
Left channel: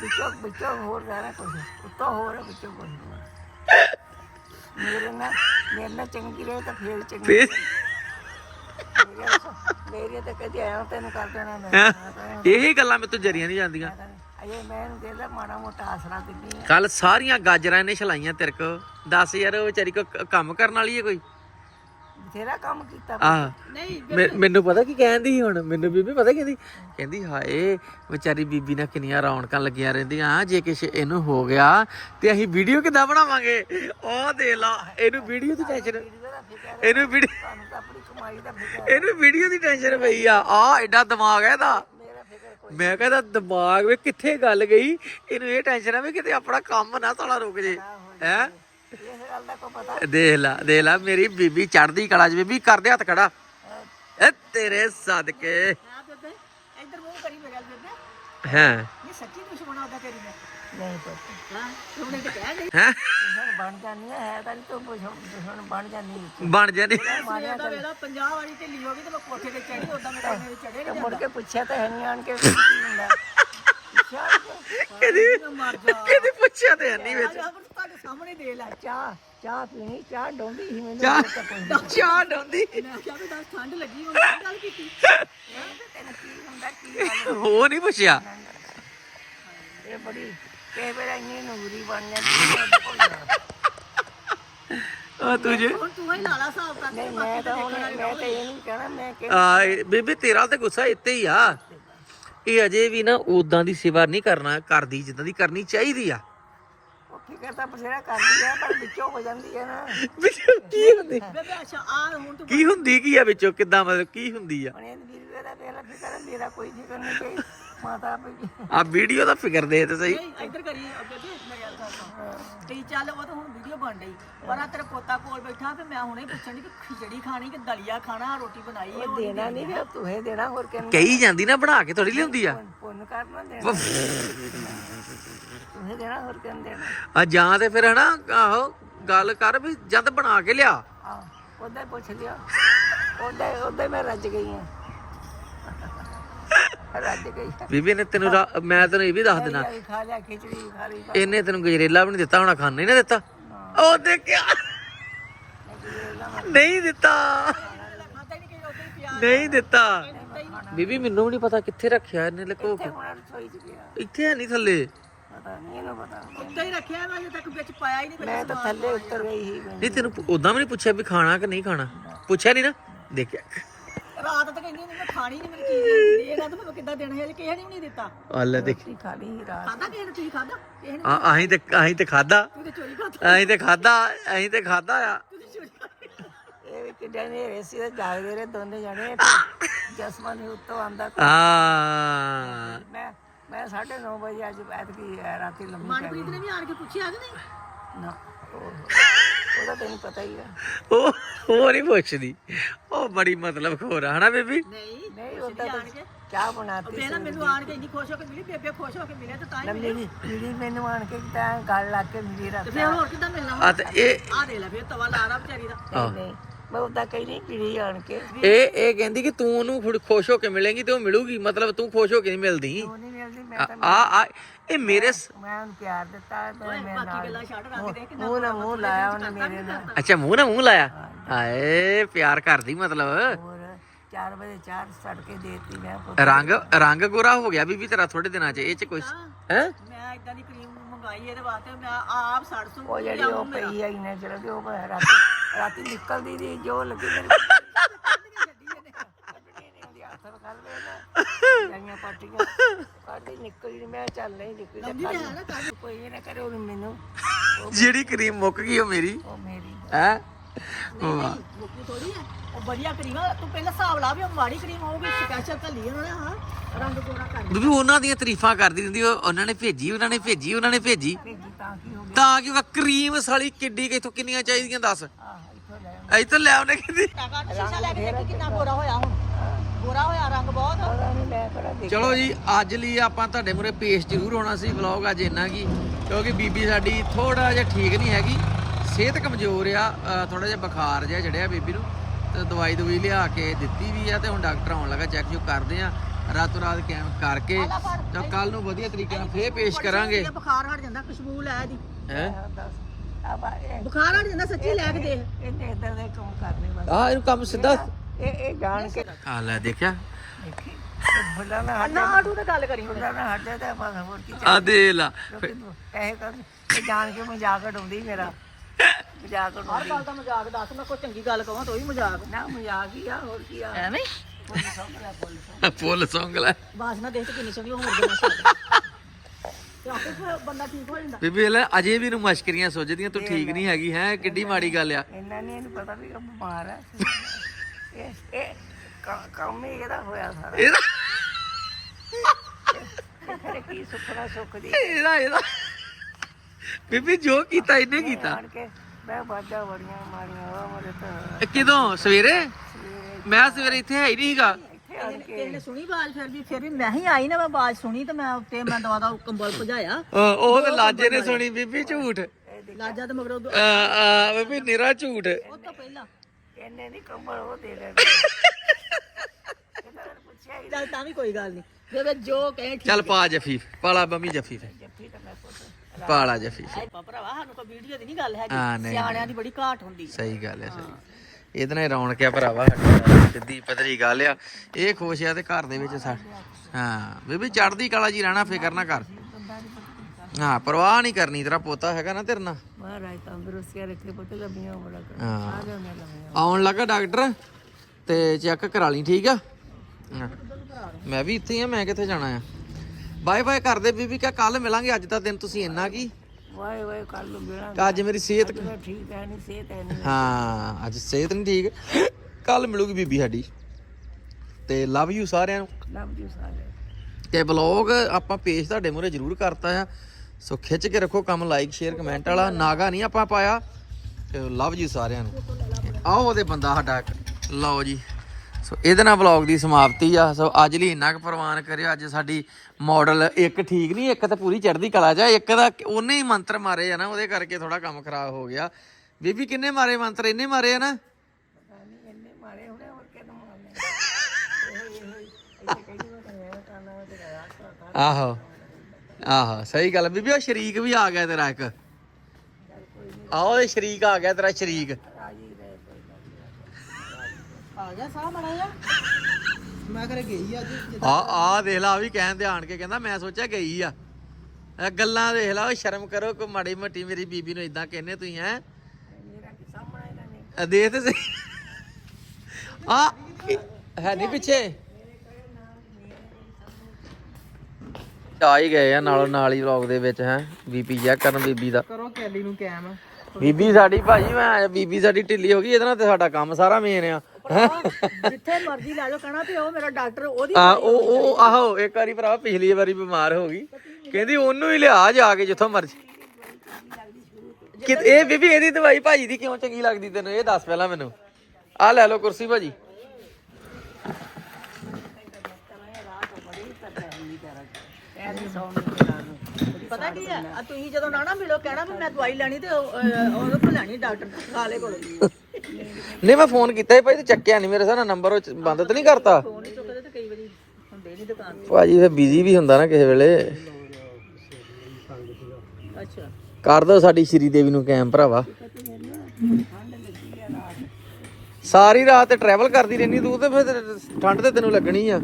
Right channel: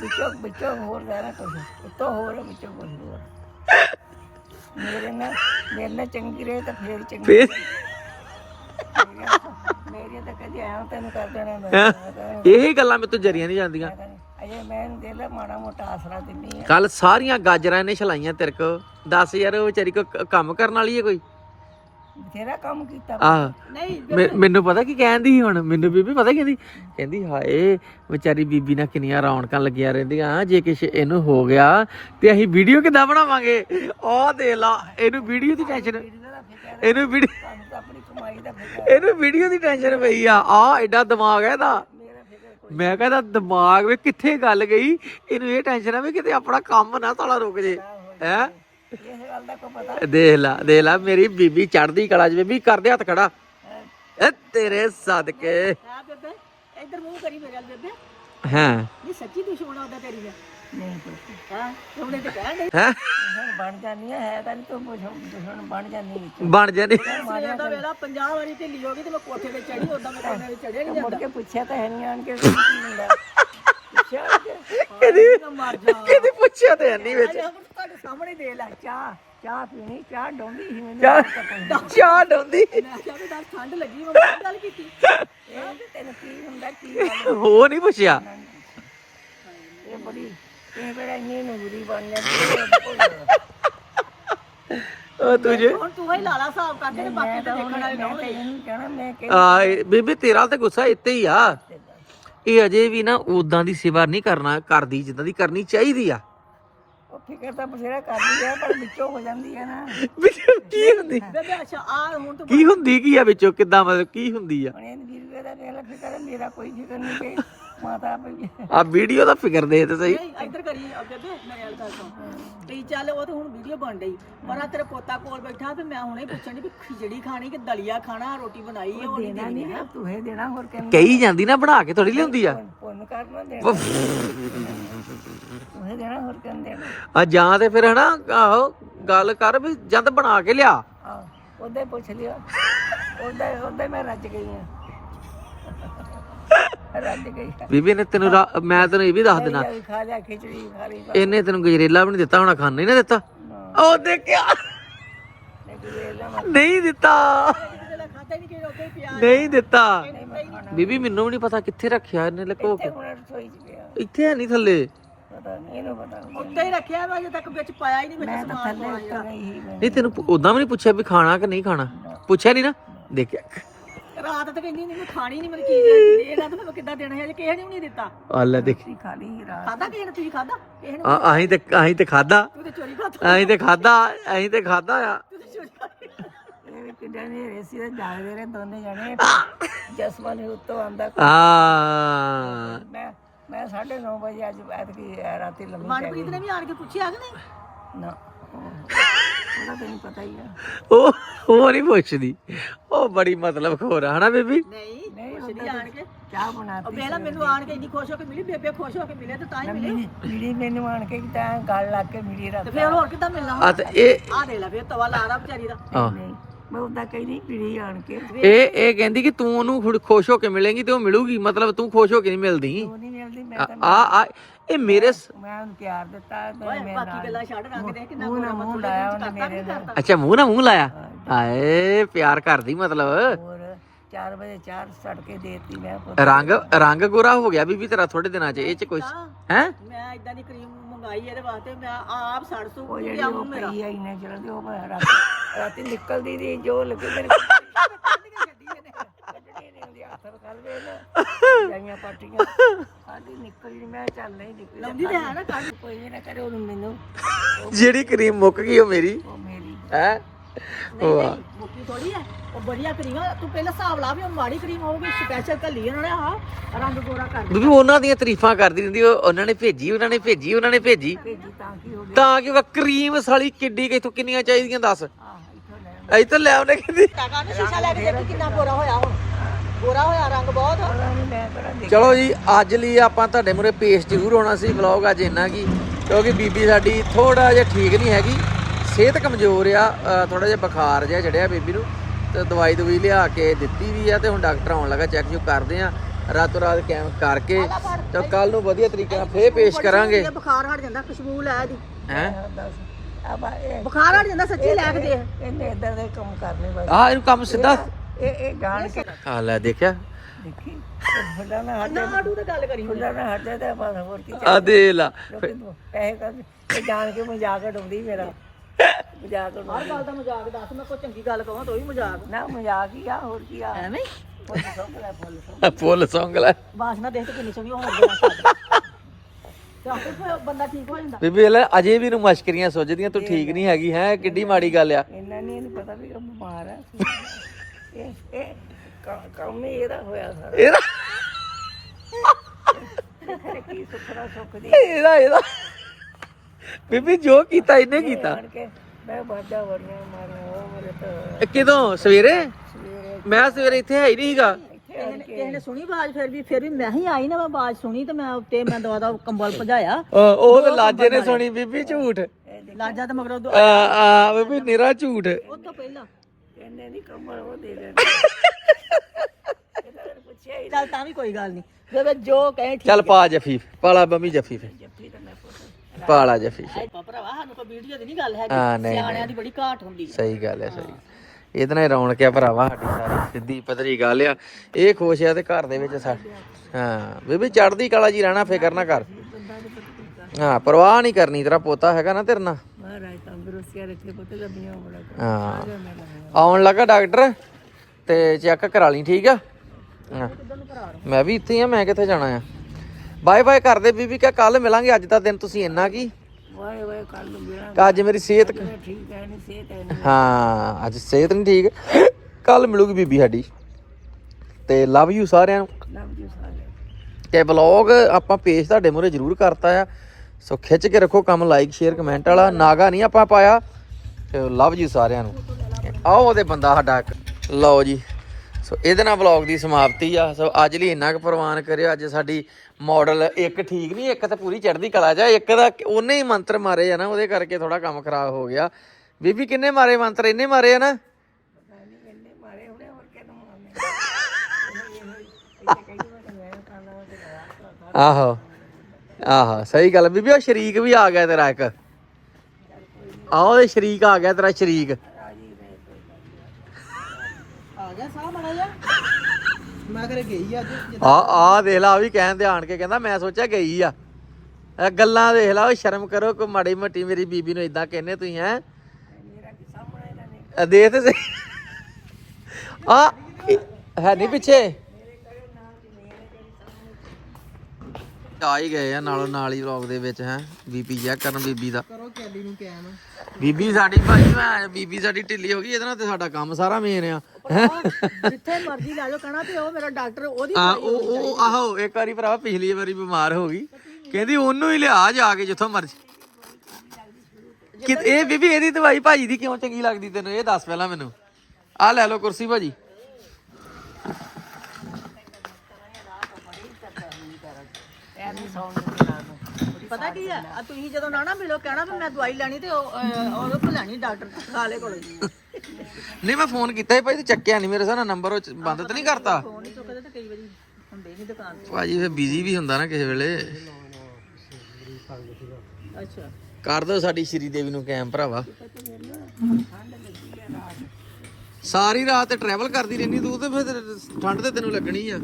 Speaker 4: ਵਿੱਚੋਂ ਵਿੱਚੋਂ ਹੋਰ ਸਾਰਾ ਕੁਝ ਉੱਤੋਂ ਹੋਰ ਹੈ, ਵਿੱਚੋਂ ਕੁਝ ਹੋਰ ਮੇਰੇ ਨਾਲ ਮੇਰੇ ਨਾਲ ਚੰਗੀ ਰਹੇ ਤਾਂ ਫੇਰ ਚੰਗੀ
Speaker 1: ਫੇਰ
Speaker 4: ਮੇਰੀ ਤਾਂ ਕਦੇ ਆਇਆ ਤੈਨੂੰ ਕਰ ਦੇਣਾ ਮੈਂ
Speaker 1: ਹੈਂ? ਇਹੀ ਗੱਲਾਂ ਮੈਨੂੰ ਜਰੀਆਂ ਨਹੀਂ ਜਾਂਦੀਆਂ।
Speaker 4: ਅਜੇ ਮੈਂ ਇਹਨੂੰ ਕਹਿੰਦਾ ਮਾੜਾ ਮੋਟਾ ਆਸਰਾ ਦਿੰਦੀ ਆ।
Speaker 1: ਕੱਲ ਸਾਰੀਆਂ ਗਾਜਰਾਂ ਇਹਨੇ ਛਲਾਈਆਂ ਤੇਰੇ ਕੋ। ਦੱਸ ਯਾਰ ਉਹ ਵਿਚਾਰੀ ਕੋ ਕੰਮ ਕਰਨ ਵਾਲੀ ਹੈ ਕੋਈ?
Speaker 4: ਬਥੇਰਾ ਕੰਮ ਕੀਤਾ
Speaker 1: ਆਹ
Speaker 2: ਨਹੀਂ
Speaker 1: ਮੈ- ਮੈਨੂੰ ਪਤਾ ਕੀ ਕਹਿੰਦੀ ਸੀ ਹੁਣ? ਮੈਨੂੰ ਬੀਬੀ ਪਤਾ ਕਹਿੰਦੀ? ਕਹਿੰਦੀ ਹਾਏ ਵਿਚਾਰੀ ਬੀਬੀ ਨਾਲ ਕਿੰਨੀਆਂ ਰੌਣਕਾਂ ਲੱਗੀਆਂ ਰਹਿੰਦੀਆਂ। ਜੇ ਕਿਛ ਇਹਨੂੰ ਹੋ ਗਿਆ ਤੇ ਅਸੀਂ ਵੀਡੀਓ ਕਿੱਦਾਂ ਬਣਾਵਾਂਗੇ? ਉਹ ਦੇ ਲਾ ਇਹਨੂੰ ਵੀਡੀਓ ਦੀ ਟੈਨਸ਼ਨ
Speaker 4: ਇਹਦਾ ਫਿਕਰ
Speaker 1: ਇਹਨੂੰ ਵੀਡੀਓ
Speaker 4: ਤੁਹਾਨੂੰ ਤਾਂ ਆਪਣੀ ਕਮਾਈ ਦਾ ਫਿਕਰ
Speaker 1: ਇਹਨੂੰ ਵੀਡੀਓ ਦੀ ਟੈਨਸ਼ਨ ਪਈ ਆ। ਆ ਐਡਾ ਦਿਮਾਗ ਹੈ ਇਹਦਾ। ਮੈਂ ਕਹਿੰਦਾ ਦਿਮਾਗ ਵਿੱਚ ਕਿੱਥੇ ਗੱਲ ਗਈ? ਇਹਨੂੰ ਇਹ ਟੈਨਸ਼ਨ ਆ ਵੀ ਕਿਤੇ ਆਪਣਾ ਕੰਮ ਨਾ ਸਾਲਾ ਰੁਕ ਜੇ। ਹੈ? ਦੇਖ ਲੈ ਦੇਖ ਲੈ ਮੇਰੀ ਬੀਬੀ ਚੜਦੀ ਕਲਾ ਚ ਬੀਬੀ ਕਰਦੇ ਹੱਥ ਖੜਾ। ਐ ਤੇਰੇ ਸਦਕੇ।
Speaker 2: ਇੱਧਰ ਮੂੰਹ ਕਰੀ ਬੇਬੇ।
Speaker 1: ਹਾਂ।
Speaker 2: ਇਹ ਸੱਚੀ ਦੁਸ਼ਮਣ ਆਦਾ ਤੇਰੀ ਹੈ
Speaker 4: ਨਹੀਂ ਪੁੱਤ।
Speaker 2: ਹੈ? ਉਹਨੇ ਤੇ ਕਹਿ ਨਹੀਂ
Speaker 1: ਹੈ?
Speaker 4: ਦੁਸ਼ਮਣ ਬਣ ਜਾਂਦੀ ਹੈ ਹੈ ਤਾਂ ਨਹੀਂ ਤੂੰ ਦੁਸ਼ਮਣ ਦੁਸ਼ਮਣ ਬਣ ਜਾਂਦੀ ਵਿੱਚ।
Speaker 1: ਬਣ ਜਾਣੀ
Speaker 2: ਮਾਰਿਆ ਕਰ ਵੇਲਾ 50 ਵਾਰੀ ਢਿੱਲੀ ਹੋ ਗਈ ਤੇ ਮੈਂ ਕੋਠੇ ਤੇ ਚੜੀ ਉਦਾਂ ਮੈਂ ਕੋਠੇ ਤੇ ਚੜਿਆ ਨਹੀਂ
Speaker 4: ਮੁੜ ਕੇ ਪੁੱਛਿਆ ਤਾਂ ਹੈ ਨਹੀਂ ਆਣ ਕੇ ਕੀ ਹੁੰਦਾ ਪੁੱਛਿਆ ਆਣ ਕੇ
Speaker 2: ਜਾਂਦਾ ਮਰ ਜਾ।
Speaker 1: ਇਹਨੇ ਪੁੱਛਿਆ ਤੇ ਨਹੀਂ ਵਿੱਚ।
Speaker 2: ਆ ਤੁਹਾਡੇ ਸਾਹਮਣੇ ਦੇ ਲੈ
Speaker 4: ਚਾਹ ਚਾਹ ਪੀਣੀ ਚਾਹ ਡੋਂਦੀ ਸੀ ਮੈਨੂੰ।
Speaker 1: ਚਾਹ ਚਾਹ ਡੋਂਦੀ।
Speaker 2: ਮੈਂ ਕਿਹਾ ਵੀ ਦੱਸ ਠੰਡ ਲੱਗੀ ਮੈਂ ਕਿਹਾ ਗੱਲ ਕੀਤੀ?
Speaker 4: ਇਹ ਤੇ ਤੈਨੂੰ ਕੀ ਹੁੰਦਾ ਕੀ ਗੱਲ?
Speaker 1: ਉਹ ਨਹੀਂ ਪੁੱਛਿਆ।
Speaker 4: ਇਹ ਬੜੀ ਕਈ ਵਾਰ ਇੰਨੀ ਨੂਰੀ ਬਣ ਜਾਂਦੀ ਹੈ ਭੁੱਲ ਜਾਂਦਾ।
Speaker 1: ਉਹ ਤੁਝੇ
Speaker 2: ਹੁਣ ਤੂੰ ਹੀ ਲਾ ਲਾ ਹਿਸਾਬ ਕਰਕੇ ਤੇ
Speaker 4: ਮੈਂ
Speaker 2: ਬਾਕੀ
Speaker 4: ਤਾਂ ਹੁਣ ਮੈਂ ਤਾਂ ਇਹ ਨਹੀਂ ਕਹਿਣਾ ਮੈਂ ਕਿ
Speaker 1: ਆ ਬੀਬੀ ਤੇਰਾ ਤੇ ਗੁੱਸਾ ਇੱਥੇ ਹੀ ਆ। ਇਹ ਅਜੇ ਵੀ ਨਾ ਉਦਾਂ ਦੀ ਸੇਵਾ ਨਹੀਂ ਕਰਨਾ ਕਰਦੀ ਜਿੱਦਾਂ ਦੀ ਕਰਨੀ ਚਾਹੀਦੀ ਆ।
Speaker 4: ਉਹ ਫਿਕਰ ਤਾਂ ਬਥੇਰਾ ਕਰਦੀ ਹੈ ਪਰ ਵਿੱਚੋਂ ਹੋ ਜਾਂਦੀ ਹੈ ਨਾ।
Speaker 1: ਕੀ ਹੁੰਦੀ?
Speaker 2: ਬੇਬੇ ਅੱਛਾ ਆ ਹੁਣ ਤੂੰ
Speaker 1: ਕੀ ਹੁੰਦੀ ਕੀ ਆ ਵਿੱਚੋਂ? ਕਿੱਦਾਂ ਮਤਲਬ ਕੀ ਹੁੰਦੀ ਆ?
Speaker 4: ਹੁਣ ਇਹ ਵੀਰ ਦਾ ਮੇਰਾ ਫਿਕਰ ਹੈ ਮੇਰਾ ਕੋਈ ਫਿਕਰ ਨਹੀਂ ਕਿ
Speaker 1: ਆ ਵੀਡੀਓ ਦਾ ਫਿਕਰ ਦੇ ਤੇ ਸਹੀ।
Speaker 2: ਇੱਧਰ ਕਰੀ ਆ ਬੇਬੇ ਮੇਰੇ ਵੱਲ ਗੱਲ ਸੁਣ ਤੇ ਚੱਲ ਉਹ ਤਾਂ ਹੁਣ ਵੀਡੀਓ ਬਣ ਰਹੀ। ਪਰ ਆ ਤੇਰਾ ਪੋਤਾ ਕੋਲ ਬੈਠਾ ਤੇ ਮੈਂ ਹੁਣੇ ਪੁੱਛਣ ਵੀ ਖਿਚੜੀ ਖਾਣੀ ਕਿ ਦਲੀਆ ਖਾਣਾ ਰੋਟੀ ਬਣਾਈ ਹੈ ਉਹ ਨਹੀਂ
Speaker 4: ਦੇਣਾ
Speaker 2: ਦੇਣੀ
Speaker 4: ਨਹੀਂ ਤੂੰ ਹੀ ਦੇਣਾ ਹੋਰ ਕਿੰਨੇ
Speaker 1: ਕਹੀ ਜਾਂਦੀ ਨਾ ਬਣਾ ਕੇ ਥੋੜੀ ਲਿਆਉਂਦੀ ਆ।
Speaker 4: ਪੁੰਨ ਕਰਨਾ ਦੇਣਾ। ਤੂੰ ਹੀ ਦੇਣਾ ਹੋਰ ਕਿੰਨੇ ਦੇਣਾ?
Speaker 1: ਆ ਜਾਂ ਤੇ ਫਿਰ ਹਨਾ ਆਹੋ ਗੱਲ ਕਰ ਵੀ ਜਦ ਬਣਾ ਕੇ ਲਿਆ।
Speaker 4: ਆ ਉਹਦੇ ਪੁੱਛ ਲਿਆ। ਉਹਦੇ ਉਹਦੇ ਮੈਂ ਰੱਜ ਗਈ ਹਾਂ ਰੱਜ ਗਈ।
Speaker 1: ਬੀਬੀ ਨੇ ਤੈਨੂੰ ਰਾ- ਮੈਂ ਤੈਨੂੰ ਇਹ ਵੀ ਦੱਸ ਦੇਣਾ।
Speaker 4: ਵੀ ਖਾ ਲਿਆ ਖਿਚੜੀ ਵੀ ਖਾ ਲਈ
Speaker 1: ਇਹਨੇ ਤੈਨੂੰ ਗਜਰੇਲਾ ਵੀ ਨਹੀਂ ਦਿੱਤਾ ਹੋਣਾ ਖਾਣ ਨਹੀਂ ਨਾ। ਦਿੱਤਾ ਉਹ ਦੇਖਿਆ।
Speaker 4: ਨਹੀਂ ਗਜਰੇਲਾ ਮੈਂ
Speaker 1: ਨਹੀਂ ਦਿੱਤਾ।
Speaker 2: ਖਾਦਾ ਹੀ ਨਹੀਂ
Speaker 1: ਦਿੱਤਾ।
Speaker 4: ਨਹੀਂ ਮੈਂ ਖਾਣਾ
Speaker 1: ਬੀਬੀ ਮੈਨੂੰ ਵੀ ਨਹੀਂ ਪਤਾ ਕਿੱਥੇ ਰੱਖਿਆ ਇਹਨੇ ਲਕੋ ਕੇ
Speaker 4: ਹੁਣ ਰਸੋਈ ਚ ਗਿਆ।
Speaker 1: ਇੱਥੇ ਹੈ ਨਹੀਂ ਥੱਲੇ।
Speaker 4: ਪਤਾ ਨਹੀਂ ਇਹਨੂੰ ਪਤਾ ਨਹੀਂ।
Speaker 2: ਉੱਤੇ ਹੀ ਰੱਖਿਆ ਮੈਂ ਅਜੇ ਤੱਕ ਵਿੱਚ ਪਾਇਆ ਹੀ ਨਹੀਂ
Speaker 4: ਮੈਂ ਤਾਂ ਥੱਲੇ ਉੱਤਰ ਗਈ ਸੀ ਮੈਂ।
Speaker 1: ਨਹੀਂ ਤੈਨੂੰ ਉਦਾਂ ਵੀ ਨਹੀਂ ਪੁੱਛਿਆ ਵੀ ਖਾਣਾ ਕਿ ਨਹੀਂ ਖਾਣਾ। ਪੁੱਛਿਆ ਨਹੀਂ ਨਾ। ਦੇਖਿਆ।
Speaker 2: ਰਾਤ ਤੱਕ ਕਹਿੰਦੀ ਨਹੀਂ ਮੈਂ ਖਾਣੀ ਨਹੀਂ ਮੈਨੂੰ ਚੀਜ਼ ਦੇਗਾ ਤਾਂ ਮੈਨੂੰ ਕਿੱਦਾਂ ਦੇਣਾ ਹੈ ਜੇ ਕਿਸੇ ਨੇ ਵੀ ਨਹੀਂ ਦਿੱਤਾ।
Speaker 1: ਆ ਲੈ ਦੇਖ।
Speaker 4: ਰੋਟੀ ਖਾ ਲਈ ਰਾਤ।
Speaker 2: ਖਾਦਾ ਕਿਸੇ ਨੇ? ਤੁਸੀਂ ਖਾਦਾ ਕਿਸੇ ਨੇ
Speaker 1: ਆ ਅਸੀਂ ਤੇ ਅਸੀਂ ਤੇ ਖਾਦਾ
Speaker 2: ਤੂੰ ਤੇ ਚੋਰੀ ਕਰ
Speaker 1: ਅਸੀਂ ਤੇ ਖਾਦਾ ਅਸੀਂ ਤੇ ਖਾਦਾ ਆ।
Speaker 2: ਤੂੰ ਤੇ ਚੋਰੀ ਕਰ
Speaker 4: ਇਹ ਵੀ ਕਿੱਡੇ ਨੇ ਸੀ ਤੇ ਜਾਗਦੇ ਰਹੇ ਦੋਨੇ ਜਣੇ। ਜਸਮਨ ਨੇ ਉੱਤੋਂ ਆਂਦਾ
Speaker 1: ਹਾਂ
Speaker 4: ਮੈਂ ਮੈਂ 9:30 ਵਜੇ ਅੱਜ ਐਤਕੀ ਰਾਤੀ ਲੰਮੀ ਪੈ ਗਈ।
Speaker 2: ਮਨਪ੍ਰੀਤ ਨੇ ਵੀ ਆਣ ਕੇ ਪੁੱਛਿਆ ਕਿ ਨਹੀਂ?
Speaker 4: ਨਾ ਉਹ- ਉਹਦਾ ਤੈਨੂੰ ਪਤਾ ਹੀ ਹੈ
Speaker 1: ਉਹ ਉਹ ਨਹੀਂ ਪੁੱਛਦੀ। ਉਹ ਬੜੀ ਮਤਲਬ ਖੋਰ ਆ ਹਨਾ ਬੀਬੀ?
Speaker 2: ਨਹੀਂ
Speaker 4: ਨਹੀਂ
Speaker 2: ਪੁੱਛਦੀ ਆਣ ਕੇ।
Speaker 4: ਚਾਹ ਬਣਾਤੀ
Speaker 2: ਪਹਿਲਾਂ ਮੈਨੂੰ ਆਣ ਕੇ ਇੰਨੀ ਖੁਸ਼ ਹੋ ਕੇ ਮਿਲੀ ਬੇਬੇ ਖੁਸ਼ ਹੋ ਕੇ ਮਿਲੇ ਤੇ ਤਾਂ ਹੀ ਮਿਲੀ।
Speaker 4: ਮਿਲੀ ਮਿਲੀ ਮੈਨੂੰ ਆਣ ਕੇ ਤਾਂ ਗੱਲ ਲਾ ਕੇ ਮਿਲੀ ਰਾਤ।
Speaker 2: ਤੇ ਫਿਰ ਹੋਰ ਕਿੱਦਾਂ ਮਿਲਣਾ?
Speaker 1: ਆ ਤੇ ਇਹ
Speaker 2: ਆ ਦੇ ਲੈ ਫਿਰ ਤਵਾ ਲਾ ਰਾ ਵਿਚਾਰੀ ਦਾ।
Speaker 1: ਹਾਂ।
Speaker 4: ਨਹੀਂ ਮੈਂ ਉਹਦਾ ਕਹੀ ਨਹੀਂ ਮਿਲੀ ਆਣ ਕੇ।
Speaker 1: ਇਹ ਇਹ ਕਹਿੰਦੀ ਕਿ ਤੂੰ ਉਹਨੂੰ ਖੁਸ਼ ਹੋ ਕੇ ਮਿਲੇਂਗੀ ਤੇ ਉਹ ਮਿਲੂਗੀ ਮਤਲਬ ਤੂੰ ਖੁਸ਼ ਹੋ ਕੇ ਨਹੀਂ ਮਿਲਦੀ।
Speaker 4: ਉਹ ਨਹੀਂ ਮਿਲਦੀ ਮੈਂ ਤਾਂ
Speaker 1: ਆ ਆ- ਇਹ ਮੇਰੇ ਸ-
Speaker 4: ਮੈਂ ਉਹਨੂੰ ਪਿਆਰ ਦਿੱਤਾ ਮੈਂ ਮੇਰੇ ਨਾਲ
Speaker 2: ਗੱਲਾਂ ਛੱਡ ਰੰਗ ਦੇ ਕਿੰਨਾ
Speaker 4: ਮੂੰਹ ਨਾਲ ਮੂੰਹ ਲਾਇਆ ਉਹਨੇ ਮੇਰੇ ਨਾਲ।
Speaker 1: ਅੱਛਾ ਮੂੰਹ ਨਾਲ ਮੂੰਹ ਲਾਇਆ? ਹਾਏ ਪਿਆਰ ਕਰਦੀ ਮਤਲਬ।
Speaker 4: ਹੋਰ 4 ਵਜੇ ਚਾਰ ਛੱਡ ਕੇ ਦੇਤੀ ਮੈਂ ਪੁੱਤ।
Speaker 1: ਰੰਗ ਰੰਗ ਗੋਰਾ ਹੋ ਗਿਆ ਬੀਬੀ ਤੇਰਾ ਥੋੜੇ ਦਿਨਾਂ ਚ ਇਹ ਚ ਕੁਝ ਹੈ?
Speaker 2: ਮੈਂ ਇਦਾਂ ਦੀ ਕਰੀਮ ਮੰਗਾਈ ਇਹਦੇ ਵਾਸਤੇ ਮੈਂ ਆਪ ਸੜ ਸੂ
Speaker 4: ਉਹ ਜਿਹੜੀ ਉਹ ਪਈ ਆ ਇਹਨੇ ਚਲੋ ਉਹ ਰਾਤੀ ਰਾਤੀ ਨਿਕਲਦੀ ਰਹੀ ਜੋ ਲੱਗੇ ਮੇਰੇ ਜਾਈਆਂ ਪਾਟੀਆਂ ਸਾਡੀ ਨਿਕਲੀ ਮੈਂ ਚੱਲ ਨਹੀਂ ਨਿਕਲੀ
Speaker 2: ਲੰਦੀ ਤੇ ਹੈ ਨਾ ਕੱਢ
Speaker 4: ਕੋਈ ਨਹੀਂ ਨਾ ਕਰੇ ਉਹਨੂੰ ਮੈਨੂੰ।
Speaker 1: ਜਿਹੜੀ ਕਰੀਮ ਮੁੱਕ ਗਈ ਉਹ ਮੇਰੀ।
Speaker 4: ਉਹ ਮੇਰੀ।
Speaker 1: ਹੈ? ਵਾਹ।
Speaker 2: ਮੁੱਕੀ ਥੋੜੀ ਹੈ। ਉਹ ਵਧੀਆ ਕਰੀਮ ਤੂੰ ਪਹਿਲਾਂ ਹਿਸਾਬ ਲਾ ਵੀ ਉਹ ਮਾੜੀ ਕਰੀਮ ਹੋਊਗੀ ਸਪੈਸ਼ਲ ਕੱਲੀ ਉਹਨਾਂ ਨੇ ਆਹ ਰੰਗ ਗੋਰਾ ਕਰ
Speaker 1: ਬੀਬੀ ਉਹਨਾਂ ਦੀਆਂ ਤਾਰੀਫਾਂ ਕਰਦੀ ਰਹਿੰਦੀ ਉਹ ਉਹਨਾਂ ਨੇ ਭੇਜੀ ਉਹਨਾਂ ਨੇ ਭੇਜੀ ਉਹਨਾਂ ਨੇ ਭੇਜੀ।
Speaker 4: ਭੇਜੀ ਤਾਂ ਕੀ ਹੋ ਗਿਆ?
Speaker 1: ਤਾਂ ਕਿ ਵਾ ਕਰੀਮ ਸਾਲੀ ਕਿੱਡੀ ਕਿਥੋਂ ਕਿੰਨੀਆਂ ਚਾਹੀਦੀਆਂ ਦੱਸ।
Speaker 4: ਆਹ ਇੱਥੋਂ ਲੈ
Speaker 1: ਆਉਣੇ। ਕਹਿੰਦੀ
Speaker 2: ਟਾਕਾ ਨੇ ਸ਼ੀਸ਼ਾ ਲੈ ਕੇ ਦੇਖੀ ਕਿੰਨਾ ਗੋਰਾ ਹੋਇਆ ਹੁਣ। ਗੋਰਾ ਹੋਇਆ ਰੰਗ ਬਹੁਤ।
Speaker 4: ਮੈਂ ਕਿਹੜਾ ਦੇਖ
Speaker 1: ਚਲੋ ਜੀ ਅੱਜ ਲਈ ਆਪਾਂ ਤੁਹਾਡੇ ਮੂਰੇ ਪੇਸ਼ ਜ਼ਰੂਰ ਹੋਣਾ ਸੀ ਵਲੌਗ ਅੱਜ ਇੰਨਾ ਕੀ ਕਿਉਂਕਿ ਬੀਬੀ ਸਾਡੀ ਥੋੜਾ ਜਿਹਾ ਠੀਕ ਨਹੀਂ ਹੈਗੀ ਸਿਹਤ ਕਮਜ਼ੋਰ ਆ ਥੋੜਾ ਜਿਹਾ ਬੁਖਾਰ ਜਿਹਾ ਚੜਿਆ ਬੀਬੀ ਨੂੰ ਤੇ ਦਵਾਈ ਦਵਾਈ ਲਿਆ ਕੇ ਦਿੱਤੀ ਵੀ ਆ ਤੇ ਹੁਣ ਡਾਕਟਰ ਆਉਣ ਲੱਗਾ ਚੈੱਕ ਚੁੱਕ ਕਰਦੇ ਆ ਰਾਤੋਂ ਰਾਤ ਕੈਮ ਕਰਕੇ ਤੇ ਕੱਲ ਨੂੰ ਵਧੀਆ ਤਰੀਕੇ ਨਾਲ ਫੇਰ ਪੇਸ਼ ਕਰਾਂਗੇ।
Speaker 2: ਬੁਖਾਰ ਹਟ ਜਾਂਦਾ ਖੁਸ਼ਬੂ ਲੈ ਇਹਦੀ
Speaker 1: ਹੈ?
Speaker 2: ਬੁਖਾਰ ਹਟ ਜਾਂਦਾ ਸੱਚੀ ਲੈ ਕੇ ਦੇ।
Speaker 4: ਇਹਨੇ ਇਦਾਂ ਦੇ ਕੰਮ ਕਰਨੇ ਬਸ।
Speaker 1: ਆ ਇਹਨੂੰ ਕੰਮ ਸਿੱਧਾ।
Speaker 4: ਇਹ ਇਹ ਜਾਣ ਕੇ
Speaker 1: ਆ ਲੈ ਦੇਖਿਆ?
Speaker 4: ਦੇਖੀ। ਇਹ ਫੁੱਲਾਂ ਨਾ ਹਟੇ
Speaker 2: ਨਾ ਆਟੂ ਤੇ ਗੱਲ ਕਰੀ
Speaker 4: ਫੁੱਲਾਂ ਨਾ ਹਟੇ ਤੇ ਬਸ ਹੋਰ ਕੀ
Speaker 1: ਆ ਦੇ ਲਾ।
Speaker 4: ਇਹ ਕਰ ਇਹ ਜਾਣ ਕੇ ਮਜ਼ਾਕ ਉਡਾਉਂਦੀ ਮੇਰਾ। ਮਜ਼ਾਕ
Speaker 2: ਹਰ
Speaker 4: ਉਡਾਉਂਦੀ
Speaker 2: ਗੱਲ ਦਾ ਮਜ਼ਾਕ ਦੱਸ ਮੈਂ ਕੋਈ ਚੰਗੀ ਗੱਲ ਕਹਾਂ ਤਾਂ ਉਹ ਵੀ ਮਜ਼ਾਕ।
Speaker 4: ਨਾ ਮਜ਼ਾਕ ਹੀ ਆ ਹੋਰ ਕੀ ਆ।
Speaker 2: ਐਵੇਂ?
Speaker 4: ਫੁੱਲ ਸੌਂਗਲਾ ਫੁੱਲ ਸੌਂਗਲਾ।
Speaker 1: ਫੁੱਲ ਸੌਂਗ ਲੈ।
Speaker 2: ਬਾਸ ਮੈਂ ਦੇਖ ਕੇ ਕਿੰਨੀ ਸੋਹਣੀ ਹੋ ਗਈ ਕਿਉਂਕਿ ਫਿਰ ਬੰਦਾ ਠੀਕ ਹੋ ਜਾਂਦਾ।
Speaker 1: ਬੀਬੀ ਲੈ ਅਜੇ ਵੀ ਨੂੰ ਮਸ਼ਕਰੀਆਂ ਸੋਚਦੀਆਂ ਤੂੰ ਠੀਕ ਨਹੀਂ ਹੈਗੀ ਹੈ? ਕਿੱਡੀ ਮਾੜੀ ਗੱਲ ਆ।
Speaker 4: ਇਹਨਾਂ ਨੇ ਇਹਨੂੰ ਪਤਾ ਵੀ ਬਿਮਾਰ ਆ। ਇਹ ਇਹ ਕ- ਕੰਮ ਹੀ ਇਹਦਾ ਹੋਇਆ ਸਾਰਾ।
Speaker 1: ਇਹਦਾ?
Speaker 4: ਫਿਰ ਕੀ ਸੁੱਖਣਾ ਸੁੱਖ ਦੀ।
Speaker 1: ਇਹਦਾ ਇਹਦਾ। ਬੀਬੀ ਜੋ ਕੀਤਾ ਇਹਨੇ ਕੀਤਾ।
Speaker 4: ਆਣ ਕੇ ਮੈਂ ਬਾਜਾ ਵੜੀਆਂ ਮਾਰੀਆਂ ਵਾ ਮਰੇ ਤਾਂ
Speaker 1: ਇਹ ਕਿਦੋਂ? ਸਵੇਰੇ?
Speaker 4: ਸਵੇਰੇ।
Speaker 1: ਮੈਂ ਸਵੇਰੇ ਇੱਥੇ ਹੈ ਹੀ ਨਹੀਂ ਸੀਗਾ।
Speaker 4: ਇੱਥੇ ਆਣ ਕੇ।
Speaker 2: ਕਿਸੇ ਨੇ ਸੁਣੀ ਆਵਾਜ਼ ਫਿਰ ਵੀ ਫਿਰ ਵੀ ਮੈਂ ਹੀ ਆਈ ਨਾ ਮੈਂ ਆਵਾਜ਼ ਸੁਣੀ ਤੇ ਮੈਂ ਉੱਤੇ ਮੈਂ ਦਵਾ ਦਾ ਕੰਬਲ ਭਜਾਇਆ।
Speaker 1: ਉਹ ਉਹ ਤੇ ਲਾਜੇ ਨੇ ਸੁਣੀ ਬੀਬੀ ਝੂਠ।
Speaker 2: ਲਾਜਾ ਤੇ ਮਗਰੋਂ ਦੋ-
Speaker 1: ਆ ਆ ਬੀਬੀ ਨਿਰਾ ਝੂਠ।
Speaker 2: ਉਹ ਤੋਂ ਪਹਿਲਾਂ।
Speaker 4: ਇਹਨੇ ਨਹੀਂ ਕੰਬਲ ਉਹ ਦੇ ਪੁੱਛਿਆ ਹੀ
Speaker 2: ਚੱਲ ਤਾਂ ਵੀ ਕੋਈ ਗੱਲ ਨਹੀਂ। ਜੇ ਜੋ ਕਹੇ ਠੀਕ
Speaker 1: ਚੱਲ ਪਾ ਜਫੀ ਪਾਲਾ ਬੰਮੀ ਜਫੀ ਫੇ
Speaker 4: ਜੱਫੀ ਤਾਂ ਮੈਂ ਪੁੱਛ
Speaker 1: ਪਾਲਾ ਜਫੀ
Speaker 2: ਭਰਾਵਾ ਸਾਨੂੰ ਕੋਈ ਵੀਡੀਓ ਦੀ ਨਹੀਂ ਗੱਲ
Speaker 1: ਹਾਂ, ਨਹੀਂ,
Speaker 2: ਸਿਆਣਿਆਂ ਦੀ ਬੜੀ ਘਾਟ ਹੁੰਦੀ ਹੈ।
Speaker 1: ਸਹੀ ਗੱਲ ਹੈ ਸਹੀ। ਇਹਦੇ ਨਾਲ ਹੀ ਰੌਣਕ ਆ ਭਰਾਵਾ। ਸਿੱਧੀ ਪਤਰੀ ਗੱਲ ਆ। ਇਹ ਖੁਸ਼ ਆ ਤੇ ਘਰ ਦੇ ਵਿੱਚ ਸਭ ਹਾਂ ਬੀਬੀ ਚੜਦੀ ਕਲਾ ਜੀ ਰਹਿਣਾ ਫਿਕਰ ਨਾ ਕਰ। ਹਾਂ ਪਰਵਾਹ ਨਹੀਂ ਕਰਨੀ ਤੇਰਾ ਪੋਤਾ ਹੈਗਾ ਨਾ ਤੇਰੇ ਨਾਲ।
Speaker 4: ਮਹਾਰਾਜ ਤੰਦਰੁਸਤੀਆਂ ਰੱਖੇ ਪੁੱਤ ਲੱਭੀਆਂ ਬੜਾ ਕਰ।
Speaker 1: ਹਾਂ।
Speaker 4: ਸਾਰਿਆਂ ਨੇ ਲਾਇਆ
Speaker 1: ਆਉਣ ਲੱਗਾ ਡਾਕਟਰ ਤੇ ਚੈੱਕ ਕਰਾ ਲਈ ਠੀਕ ਆ। ਮੈਂ ਵੀ ਇੱਥੇ ਆ ਮੈਂ ਕਿੱਥੇ ਜਾਣਾ ਆ? ਬਾਏ ਬਾਏ ਕਰਦੇ ਬੀਬੀ ਕਹ ਕੱਲ ਮਿਲਾਂਗੇ ਅੱਜ ਦਾ ਦਿਨ ਤੁਸੀਂ ਇੰਨਾ ਕੀ?
Speaker 4: ਵਾਏ ਵਾਏ ਕੱਲ ਨੂੰ ਮਿਲਾਂਗੇ।
Speaker 1: ਅੱਜ ਮੇਰੀ ਸਿਹਤ
Speaker 4: ਮੈਂ ਠੀਕ ਹੈ ਨਹੀਂ ਸਿਹਤ ਹੈ ਨਹੀਂ
Speaker 1: ਹਾਂ ਅੱਜ ਸਿਹਤ ਨਹੀਂ ਠੀਕ। ਕੱਲ ਮਿਲੂਗੀ ਬੀਬੀ ਸਾਡੀ। ਤੇ ਲਵ ਯੂ ਸਾਰਿਆਂ ਨੂੰ।
Speaker 4: ਲੱਭ ਜੂ ਸਾਰੇ
Speaker 1: ਤੇ ਬਲੌਗ ਆਪਾਂ ਪੇਜ ਤੁਹਾਡੇ ਮੂਹਰੇ ਜ਼ਰੂਰ ਕਰਤਾ ਆ। ਸੋ ਖਿੱਚ ਕੇ ਰੱਖੋ ਕੰਮ ਲਾਈਕ ਸ਼ੇਅਰ ਕਮੈਂਟ ਵਾਲਾ। ਨਾਗਾ ਨਹੀਂ ਆਪਾਂ ਪਾਇਆ। ਲਵ ਜੀ ਸਾਰਿਆਂ ਨੂੰ। ਆਓ ਉਹਦੇ ਬੰਦਾ ਸਾਡਾ ਇੱਕ। ਲਓ ਜੀ। ਸੋ ਇਹਦੇ ਨਾਲ ਬਲੌਗ ਦੀ ਸਮਾਪਤੀ ਆ। ਸੋ ਅੱਜ ਲਈ ਇੰਨਾ ਕੁ ਪ੍ਰਵਾਨ ਕਰਿਓ। ਅੱਜ ਸਾਡੀ ਮਾਡਲ ਇੱਕ ਠੀਕ ਨਹੀਂ, ਇੱਕ ਤਾਂ ਪੂਰੀ ਚੜ੍ਹਦੀ ਕਲਾ ਜਾ ਇੱਕ ਦਾ ਉਹਨੇ ਹੀ ਮੰਤਰ ਮਾਰੇ ਆ ਨਾ, ਉਹਦੇ ਕਰਕੇ ਥੋੜਾ ਕੰਮ ਖਰਾਬ ਹੋ ਗਿਆ। ਬੀਬੀ ਕਿੰਨੇ ਮਾਰੇ ਮੰਤਰ? ਇੰਨੇ ਮਾਰੇ ਆ ਨਾ? ਆਹੋ। ਆਹੋ ਸਹੀ ਗੱਲ ਬੀਬੀ ਉਹ ਸ਼ਰੀਕ ਵੀ ਆ ਗਿਆ ਤੇਰਾ ਇੱਕ। ਆਹ ਉਹਦੇ ਸ਼ਰੀਕ ਆ ਗਿਆ ਤੇਰਾ ਸ਼ਰੀਕ।
Speaker 2: ਆ ਗਿਆ ਸਾਹ ਮੜਾ ਜਾ ਮੈਂ ਕਰੇ ਗਈ ਅੱਜ
Speaker 1: ਆ ਆ ਦੇਖ ਲਾ ਆ ਵੀ ਕਹਿਣ ਤੇ ਆਣ ਕੇ ਕਹਿੰਦਾ ਮੈਂ ਸੋਚਿਆ ਗਈ ਆ। ਇਹ ਗੱਲਾਂ ਦੇਖ ਲਾ ਉਹ ਸ਼ਰਮ ਕਰੋ ਕੋ ਮਾੜੀ ਮੱਟੀ ਮੇਰੀ ਬੀਬੀ ਨੂੰ ਇਦਾਂ ਕਹਿੰਦੇ ਤੁਸੀਂ ਹੈ? ਦੇਖ ਤੇ ਸਹੀ। ਆ ਇਹ- ਹੈ ਨਹੀਂ ਪਿੱਛੇ। ਆ ਹੀ ਗਏ ਆ ਨਾਲ ਨਾਲ ਹੀ ਵਲੌਗ ਦੇ ਵਿੱਚ ਹੈ। ਬੀਪੀ ਚੈੱਕ ਕਰਨ ਬੀਬੀ ਦਾ।
Speaker 2: ਕਰੋ ਕੈਲੀ ਨੂੰ ਕੈਮ
Speaker 1: ਬੀਬੀ ਸਾਡੀ ਭਾਜੀ ਮੈਂ ਬੀਬੀ ਸਾਡੀ ਢਿੱਲੀ ਹੋ ਗਈ ਇਹਦੇ ਨਾਲ ਤੇ ਸਾਡਾ ਕੰਮ ਸਾਰਾ ਮੇਨ ਆ।
Speaker 2: ਜਿੱਥੇ ਮਰਜ਼ੀ ਲੈ ਜਾਓ ਕਹਣਾ ਤੇ ਉਹ ਮੇਰਾ ਡਾਕਟਰ ਉਹਦੀ
Speaker 1: ਆ ਉਹ ਉਹ ਆਹੋ ਇੱਕ ਵਾਰੀ ਭਰਾ ਪਿਛਲੀ ਵਾਰੀ ਬਿਮਾਰ ਹੋ ਗਈ। ਕਹਿੰਦੀ ਉਹਨੂੰ ਹੀ ਲਿਆ ਜਾ ਕੇ ਜਿੱਥੋਂ ਮਰਜ਼ੀ। ਕਿ ਇਹ ਬੀਬੀ ਇਹਦੀ ਦਵਾਈ ਭਾਜੀ ਦੀ ਕਿਉਂ ਚੰਗੀ ਲੱਗਦੀ ਤੈਨੂੰ? ਇਹ ਦੱਸ ਪਹਿਲਾਂ ਮੈਨੂੰ। ਆ ਲੈ ਲਓ ਕੁਰਸੀ ਭਾਜੀ।
Speaker 2: ਪਤਾ ਕੀ ਆ? ਆ ਤੁਸੀਂ ਜਦੋਂ ਨਾ ਨਾ ਮਿਲੋ ਕਹਿਣਾ ਵੀ ਮੈਂ ਦਵਾਈ ਲੈਣੀ ਤੇ ਉਹ ਅਹ, ਉਹਦੇ ਕੋਲ ਲੈਣੀ ਡਾਕਟਰ ਖਾਲੇ ਕੋਲੋਂ।
Speaker 1: ਨਹੀਂ ਮੈਂ ਫੋਨ ਕੀਤਾ ਸੀ ਭਾਈ ਤੇ ਚੱਕਿਆ ਨਹੀਂ ਮੇਰੇ ਸਾਰਾ ਨੰਬਰ ਉਹ ਚ- ਬੰਦ ਤੇ ਨਹੀਂ ਕਰਤਾ?
Speaker 2: ਫੋਨ ਨਹੀਂ ਚੁੱਕਦੇ ਤੇ ਕਈ ਵਾਰੀ ਹੁੰਦੇ ਨਹੀਂ ਦੁਕਾਨ
Speaker 1: ਭਾਜੀ ਫੇ ਬਿਜ਼ੀ ਵੀ ਹੁੰਦਾ ਨਾ ਕਿਸੇ ਵੇਲੇ।
Speaker 2: ਤੇ ਅੱਛਾ।
Speaker 1: ਕਰ ਦੋ ਸਾਡੀ ਸ਼੍ਰੀ ਦੇਵੀ ਨੂੰ ਕੈਮ ਭਰਾਵਾ। ਸਾਰੀ ਰਾਤ ਟਰੈਵਲ ਕਰਦੀ ਰਹਿੰਦੀ ਤੂੰ ਤੇ ਫਿਰ ਠੰਡ ਤੇ ਤੈਨੂੰ ਲੱਗਣੀ ਆ।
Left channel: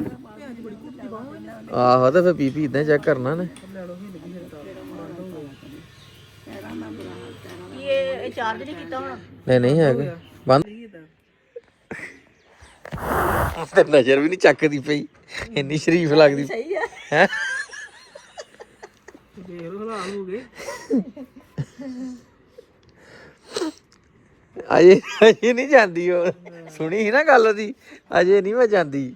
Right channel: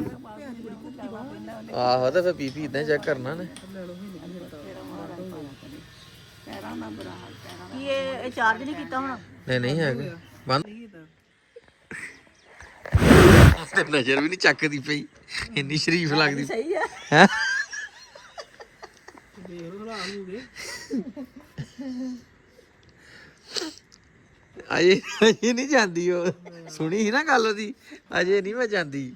Speaker 1: ਆਹੋ ਤੇ ਫਿਰ ਬੀਪੀ ਇਦਾਂ ਚੈੱਕ ਕਰਨਾ ਨੇ।
Speaker 2: ਕੀ ਇਹ ਇਹ ਚਾਰਜ ਨਹੀਂ ਕੀਤਾ ਹੁਣ?
Speaker 1: ਨਹੀਂ ਨਹੀਂ ਹੈਗਾ। ਬੰਦ ਤੇ। ਨਜ਼ਰ ਵੀ ਨਹੀਂ ਚੱਕਦੀ ਪਈ। ਇੰਨੀ ਸ਼ਰੀਫ ਲੱਗਦੀ।
Speaker 2: ਸਹੀ ਹੈ।
Speaker 1: ਹੈ? ਅਜੇ ਅਜੇ ਨਹੀਂ ਜਾਂਦੀ ਉਹ। ਸੁਣੀ ਸੀ ਨਾ ਗੱਲ ਉਹਦੀ। ਅਜੇ ਨਹੀਂ ਮੈਂ ਜਾਂਦੀ।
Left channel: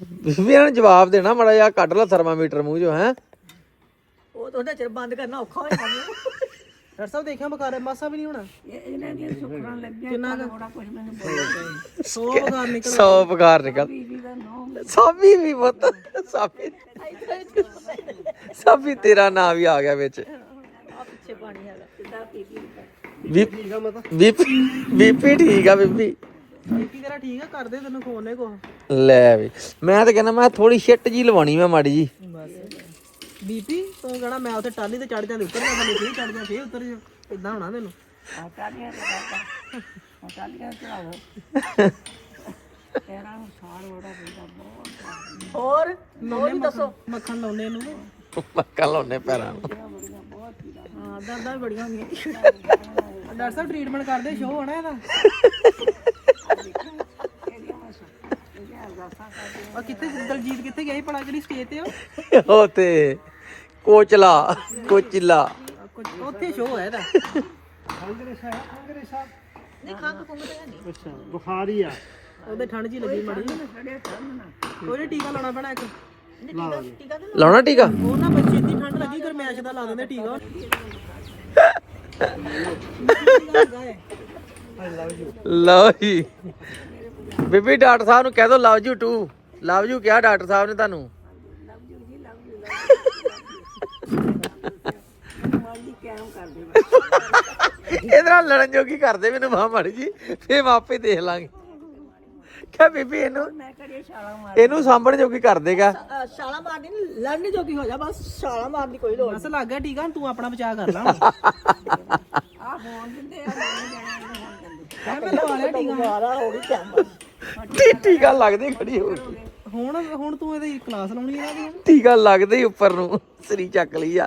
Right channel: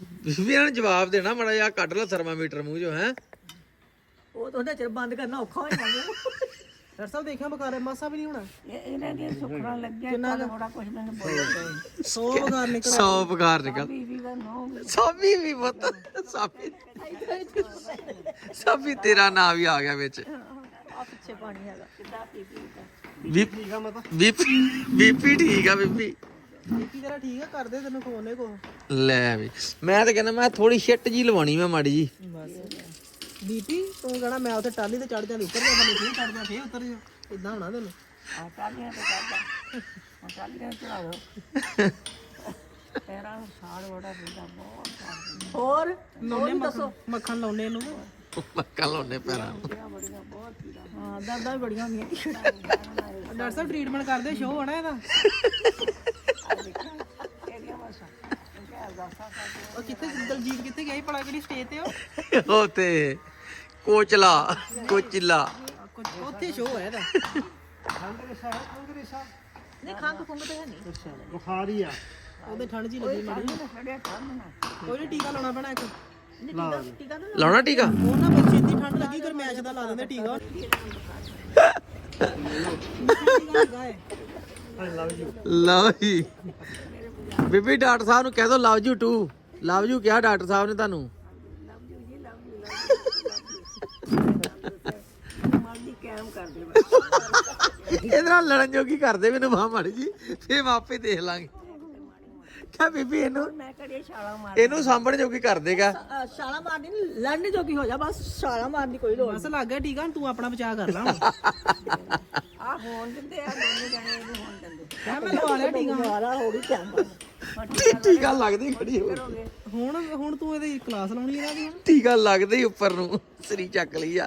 Speaker 1: ਵੀ ਇਹਨਾਂ ਨੂੰ ਜਵਾਬ ਦੇਣਾ ਮੜਾ ਜਿਹਾ ਕੱਢ ਲਾ ਥਰਮਾਮੀਟਰ ਮੂੰਹ ਚੋਂ ਹੈ।
Speaker 2: ਉਹ ਤਾਂ ਉਹਦਾ ਚਿਰ ਬੰਦ ਕਰਨਾ ਔਖਾ ਹੋ ਜਾਂਦਾ ਡਾਕਟਰ ਸਾਹਿਬ ਦੇਖਿਆ ਬੁਖਾਰ ਮਾਸਾ ਵੀ ਨਹੀਂ ਹੋਣਾ?
Speaker 4: ਇਹ ਇਹਨਾਂ ਦੀਆਂ ਸੁਖਣਾ ਲੱਗਿਆ ਕਿੰਨਾ ਬੜਾ ਕੁਝ ਮੈਨੂੰ ਬੋਲਿਆ।
Speaker 2: ਸੋ ਬੁਖਾਰ ਨਿਕਲ
Speaker 1: ਸੌ ਬੁਖਾਰ ਨਿਕਲ।
Speaker 4: ਬੀਬੀ ਦਾ ਨੋ
Speaker 1: ਸਾਬੀ ਵੀ ਪੁੱਤ ਸਾਬੀ। ਸਾਬੀ ਤੇਰਾ ਨਾਂ ਵੀ ਆ ਗਿਆ ਵਿੱਚ।
Speaker 2: ਪਿੱਛੇ ਪਾਣੀ ਹੈਗਾ।
Speaker 1: ਬੀਪੀ ਬੀਪੀ ਠੀਕ ਆ ਬੀਬੀ।
Speaker 2: ਬੀਪੀ ਤੇਰਾ ਠੀਕ ਆ ਕਰਦੇ ਤੈਨੂੰ ਫੋਨ ਨੇ ਕੋ
Speaker 1: ਲੈ ਵੀ। ਮੈਂ ਤਾਂ ਕਹਿੰਦਾ ਮੈਂ ਥੋੜੀ ਸ਼ਿਟ ਜੀ ਲਵਾਣੀ ਮੈਂ ਮਾੜੀ ਜੀ
Speaker 2: ਬੀਪੀ ਤੂੰ ਕਹਣਾ ਮੈਂ ਉੱਥੇ ਟਾਲੀ ਤੇ ਚੜ ਜਾਂਦੀ ਉੱਤਰ ਜਾਂਦਾ ਨਹੀਂ ਚੜ ਜਾ ਫੇਰ ਉਤਰ ਜਾ। ਇਦਾਂ ਹੋਣਾ ਤੈਨੂੰ।
Speaker 4: ਆ ਟਾਲੀਆਂ ਤੇ ਆ ਟਾਲੀਆਂ ਚੜਾ ਦੋ ਤੇਰਾ ਸਾੜ ਵੜਾ ਪੈਂਦਾ ਬਹੁਤ
Speaker 2: ਹੋਰ ਲਾਉਨੇ ਮੱਖਣ। ਮੱਖਣ ਲਾਉਨੇ ਇਹਨੂੰ।
Speaker 1: ਮੱਕਾ ਲਾਉਣੇ ਪੈਰਾਂ ਨੂੰ।
Speaker 2: ਹਾਂ ਦਰਦਾਂ ਵੀ ਬੜੀਆਂ ਹੁੰਦੀਆਂ। ਡਾਕਟਰ ਸਾਹਿਬ ਟ੍ਰੀਟਮੈਂਟ ਕਰਦੇ ਸ਼ੋਅ ਹੋਣਾ ਇਹਦਾ? ਉਹ ਕਿੱਥੇ ਦਲਜੀਤ ਕਿੱਥੇ ਗਿਆ ਸੀ? ਭਲਾ ਕਿਹੜੀ ਸਟੇਜ ਤੇ ਉਹ?
Speaker 1: ਉਹ ਤੇ ਕੋਚਲਾ ਕੋਚਿਲਾ।
Speaker 2: ਆ, ਕੁਝ ਉੱਥੇ ਸ਼ੋਅ ਹੋਇਆ ਇਹਦਾ। ਹੈ ਨਹੀਂ।
Speaker 6: ਅੱਛਾ ਬੁਖਾਰ ਹੀ ਆ।
Speaker 2: ਉਹਦੇ ਠੰਡ ਜੀ ਲੱਗੀ ਮੜੀ ਉਹਨੇ ਟੀਕਾ ਲਾਉਣਾ ਪੈਣਾ ਇੱਕ।
Speaker 1: ਲਾਉਣਾ ਟੀਕਾ?
Speaker 2: ਉਹ ਨਾ ਬੱਚੇ ਦੀ ਠੰਡ ਲੱਗੀ ਗਰਮੈਸ਼ ਦਾ ਲਾ ਦਿੰਦੇ ਟੀਕਾ।
Speaker 1: ਲਓ ਜੀ। ਬੀਬੀ ਡਾਕਟਰ ਸਾਹਿਬ ਨੂੰ ਕਹਿ ਦੋ love you too love you ਕਿਹਾ ਡਾਕਟਰ ਸਾਹਿਬ ਨੇ ਤੁਹਾਨੂੰ?
Speaker 4: ਮਰਦੀ ਕੈਮ ਕਰਦੇ
Speaker 1: ਇਹਦੇ ਨਾਲ ਲੜਨ ਜੋਗੀ ਕਰਦੇ ਮੈਨੂੰ ਮਾਂ ਮਾੜੀ ਜੀ ਫੇਰ ਮੈਂ ਆਪੇ ਦੇਖ ਲਾਂਗੇ। ਕਿਆ ਬੀਬੀ ਇਹਨੂੰ?
Speaker 4: ਮੈਂ ਕੜੇ ਛਾਲਾ ਮਾਰ
Speaker 1: ਇਹਨੂੰ ਸਾਂਭਣ ਜੋਗੀ ਕਰ ਦੇਗਾ।
Speaker 2: ਛਾਲਾ ਮਾਰਨੀ ਨਹੀਂ ਲੜਨੀ ਜੋਗੀ ਹੋ ਜਾ ਬਸ ਛਾਲਾ ਮਾਰਨ ਦੀ ਕੋਈ ਲੋੜ ਬਸ ਲੱਗ ਗਿਆ ਟੀਕਾ ਤੂੰ ਆਪਣਾ ਬਚਾਅ ਕਰ ਲਾ
Speaker 4: ਆ ਹੋਣ ਦਿੰਦੇ ਆ ਹੋਣ ਦਿੰਦੇ
Speaker 2: ਮੈਂ ਲਵਾ ਲਿਆ ਟੀਕਾ ਮਾਰਾ ਹੋ ਗਈ ਕੰਮ
Speaker 1: ਟੀਕਾ ਲੱਗਦੀ ਖੜੀ ਹੋ ਗਈ।
Speaker 2: ਹੁਣ ਹੁਣ ਤੂੰ ਇਹਦੀ ਕਲਾਸ ਲਾਉਣੀ ਇਹਨਾਂ ਦੀ
Speaker 1: ਟੀਕਾ ਲੱਗਦੇ ਹੀ ਉੱਪਰ ਨੂੰ ਸਰੀ ਚੱਕ ਲਈ ਆ।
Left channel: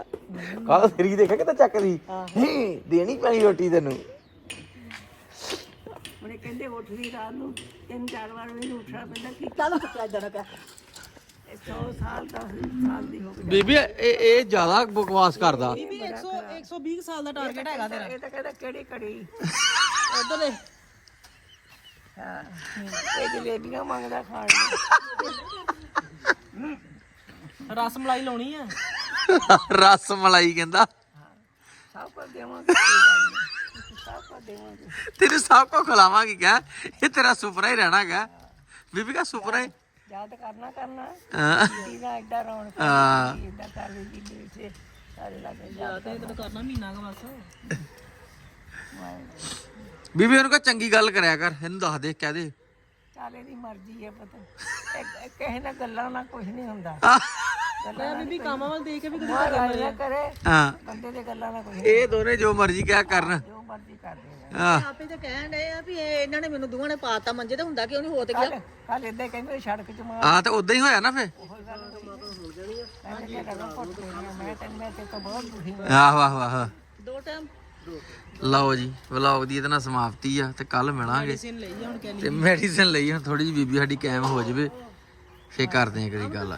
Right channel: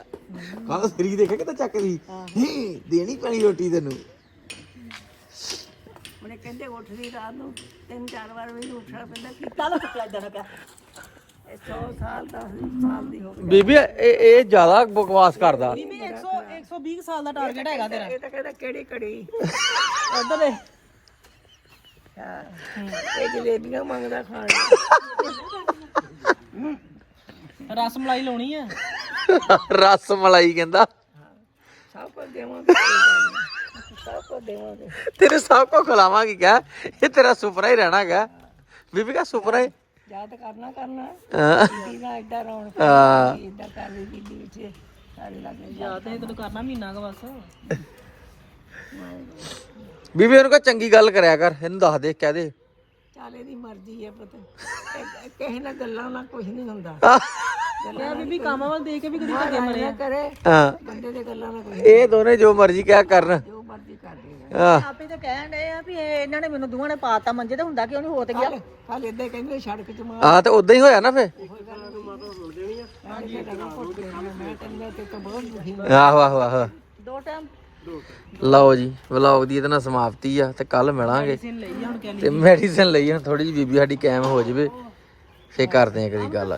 Speaker 1: ਕਾਹ ਸਰੀ ਦੇਖਿਆ ਕਿਤੇ ਚੱਕਦੀ ਹੂੰ, ਦੇਣੀ ਪੈਣੀ ਰੋਟੀ ਤੈਨੂੰ।
Speaker 4: ਉਹਨੇ ਕਹਿੰਦੇ ਉੱਠਦੀ ਰਾਤ ਨੂੰ ਤਿੰਨ ਚਾਰ ਵਾਰ ਵੀ ਉੱਠਣਾ ਪੈਂਦਾ ਕਿ
Speaker 2: ਚੱਲ ਪਿਆ ਜਾਣਾ ਪਿਆ।
Speaker 4: ਇਹ 100 ਸਾਲ ਦਾ ਸਾਲ ਦੀ ਹੋ ਗਈ।
Speaker 1: ਬੀਬੀ ਇਹ ਇਹ ਜ਼ਿਆਦਾ ਬਕਵਾਸ ਕਰਦਾ।
Speaker 2: 100 120 ਸਾਲ ਦਾ ਟਾਰਗੇਟ ਹੈਗਾ ਤੇਰਾ।
Speaker 4: ਇਹ ਤਾਂ ਕਹਿੰਦਾ ਕਿਹੜੀ ਕੜੀ
Speaker 2: ਉਧਰ ਦੇ
Speaker 4: ਇਹ ਜਲੇਬੀਆਂ ਮੰਗਦਾ ਖਾਣ। ਨੂੰ
Speaker 2: ਰਸ ਮਲਾਈ ਲਾਉਣੀ ਆ।
Speaker 1: ਰਸ ਮਲਾਈ ਕਹਿੰਦਾ।
Speaker 4: ਸਭ ਕੁਝ ਦੇਵਾਂਗੇ ਕੋਈ ਗੱਲ ਨੀ। ਦੇਵਾਂਗੇ।
Speaker 1: ਤੇਰੇ ਸਭ ਕੋ ਖਿਲਾਵਾਂਗੇ ਕਿਆ ਇਹ ਤੇਰਾ ਸੁਪਨਾ ਹੀ ਰਹਿਣਾ ਗਾ ਬੀਬੀ ਕਾ ਸੁਪਨਾ ਹੈ।
Speaker 4: ਯਾਦ ਕਰਨਾ ਕਰਨਾ।
Speaker 1: ਹਾਂ।
Speaker 4: ਬੀਬੀ ਦਾ ਐਡਾ ਰੌਣਕ
Speaker 1: ਹਾਂ।
Speaker 4: ਇਦਾਂ ਕਰ ਲਈ ਬੀਬੀ ਵਿੱਚ ਸਾਰੇ ਲੱਗੇ
Speaker 2: ਜਾਂ ਤੇ ਤੈਨੂੰ ਕਰਨਾ ਮਹੀਨਾ ਕ ਬਸ।
Speaker 1: ਬੀਬੀ ਉਹਨੂੰ ਕਹ ਚੰਗੀ ਗੱਲ ਕਰਿਆ ਕਰ। ਇਹਨੂੰ ਦੱਸ ਦੇ ਕਹਿ ਦੇ।
Speaker 4: ਚਾਲੇ ਦੀ ਮਰਜ਼ੀ ਹੈ ਪੁੱਤ। ਕਿਸੇ ਨਾਲ ਗੱਲਾਂ ਨਾਲ ਕੁਝ ਨਹੀਂ ਹੁੰਦਾ।
Speaker 2: ਮੈਂ ਬੀਬੀ ਕੰਮ ਵੱਲ ਦੇ ਕੇ ਵੀ ਕਿਤੇ ਧੱਕੇ
Speaker 4: ਗੱਲਾਂ ਨਾ ਕਰੇ
Speaker 1: ਹਾਂ।
Speaker 4: ਬੰਦੇ ਦੇ ਗੱਲਾਂ ਨਾਲ ਕੁਝ
Speaker 1: ਇਹ ਦੋਨੇ ਜੋ ਮਰਜ਼ੀ ਕਿਆ ਕਰਨ।
Speaker 4: ਜੋ ਮਰਜ਼ੀ ਕਰਦੇ
Speaker 1: ਹਾਂ।
Speaker 2: ਆਪੇ ਤਾਂ ਕਹਿਣ ਡਏ ਆ ਵੀ ਇਹ ਇਹਨਾਂ ਨੇ ਮੈਨੂੰ ਦੋਵਾਂ ਨੇ ਪਾਤਾ ਮੰਜੇ ਤੇ ਹੁੰਦਾ ਕਿ ਉਹਨੇ ਹੋ ਤੇ ਗਿਆ
Speaker 4: ਕੱਲ ਇਦਾਂ ਕਹਿੰਦੇ ਸੜਕ ਚ ਮਾਰ।
Speaker 1: ਆ ਤੇ ਉਦਾਂ ਹੀ ਹੋਇਆ ਨਾ ਫੇ ਆਹੋ ਆਹੋ ਆਹੋ
Speaker 2: ਦੋ ਟਾਈਮ
Speaker 1: ਲਓ ਜੀ ਵਲੌਗ ਦੀ ਇਹਦੇ ਨਾਲ ਸਮਾਪਤੀ ਆ ਤੇ ਕੱਲ ਮਿਲਾਂਗੇ। ਤੇ ਮੈਡੀਸਿਨ ਲਈ ਹੁਣ ਥੋੜੀ ਜਿਹੀ ਬੀਬੀ ਸਾਡੀ ਕਾਇਮ ਹੋ ਜਾਵੇ। ਫੇਰ ਕਰਦੇ ਆ ਕਦੀ ਗੱਲ।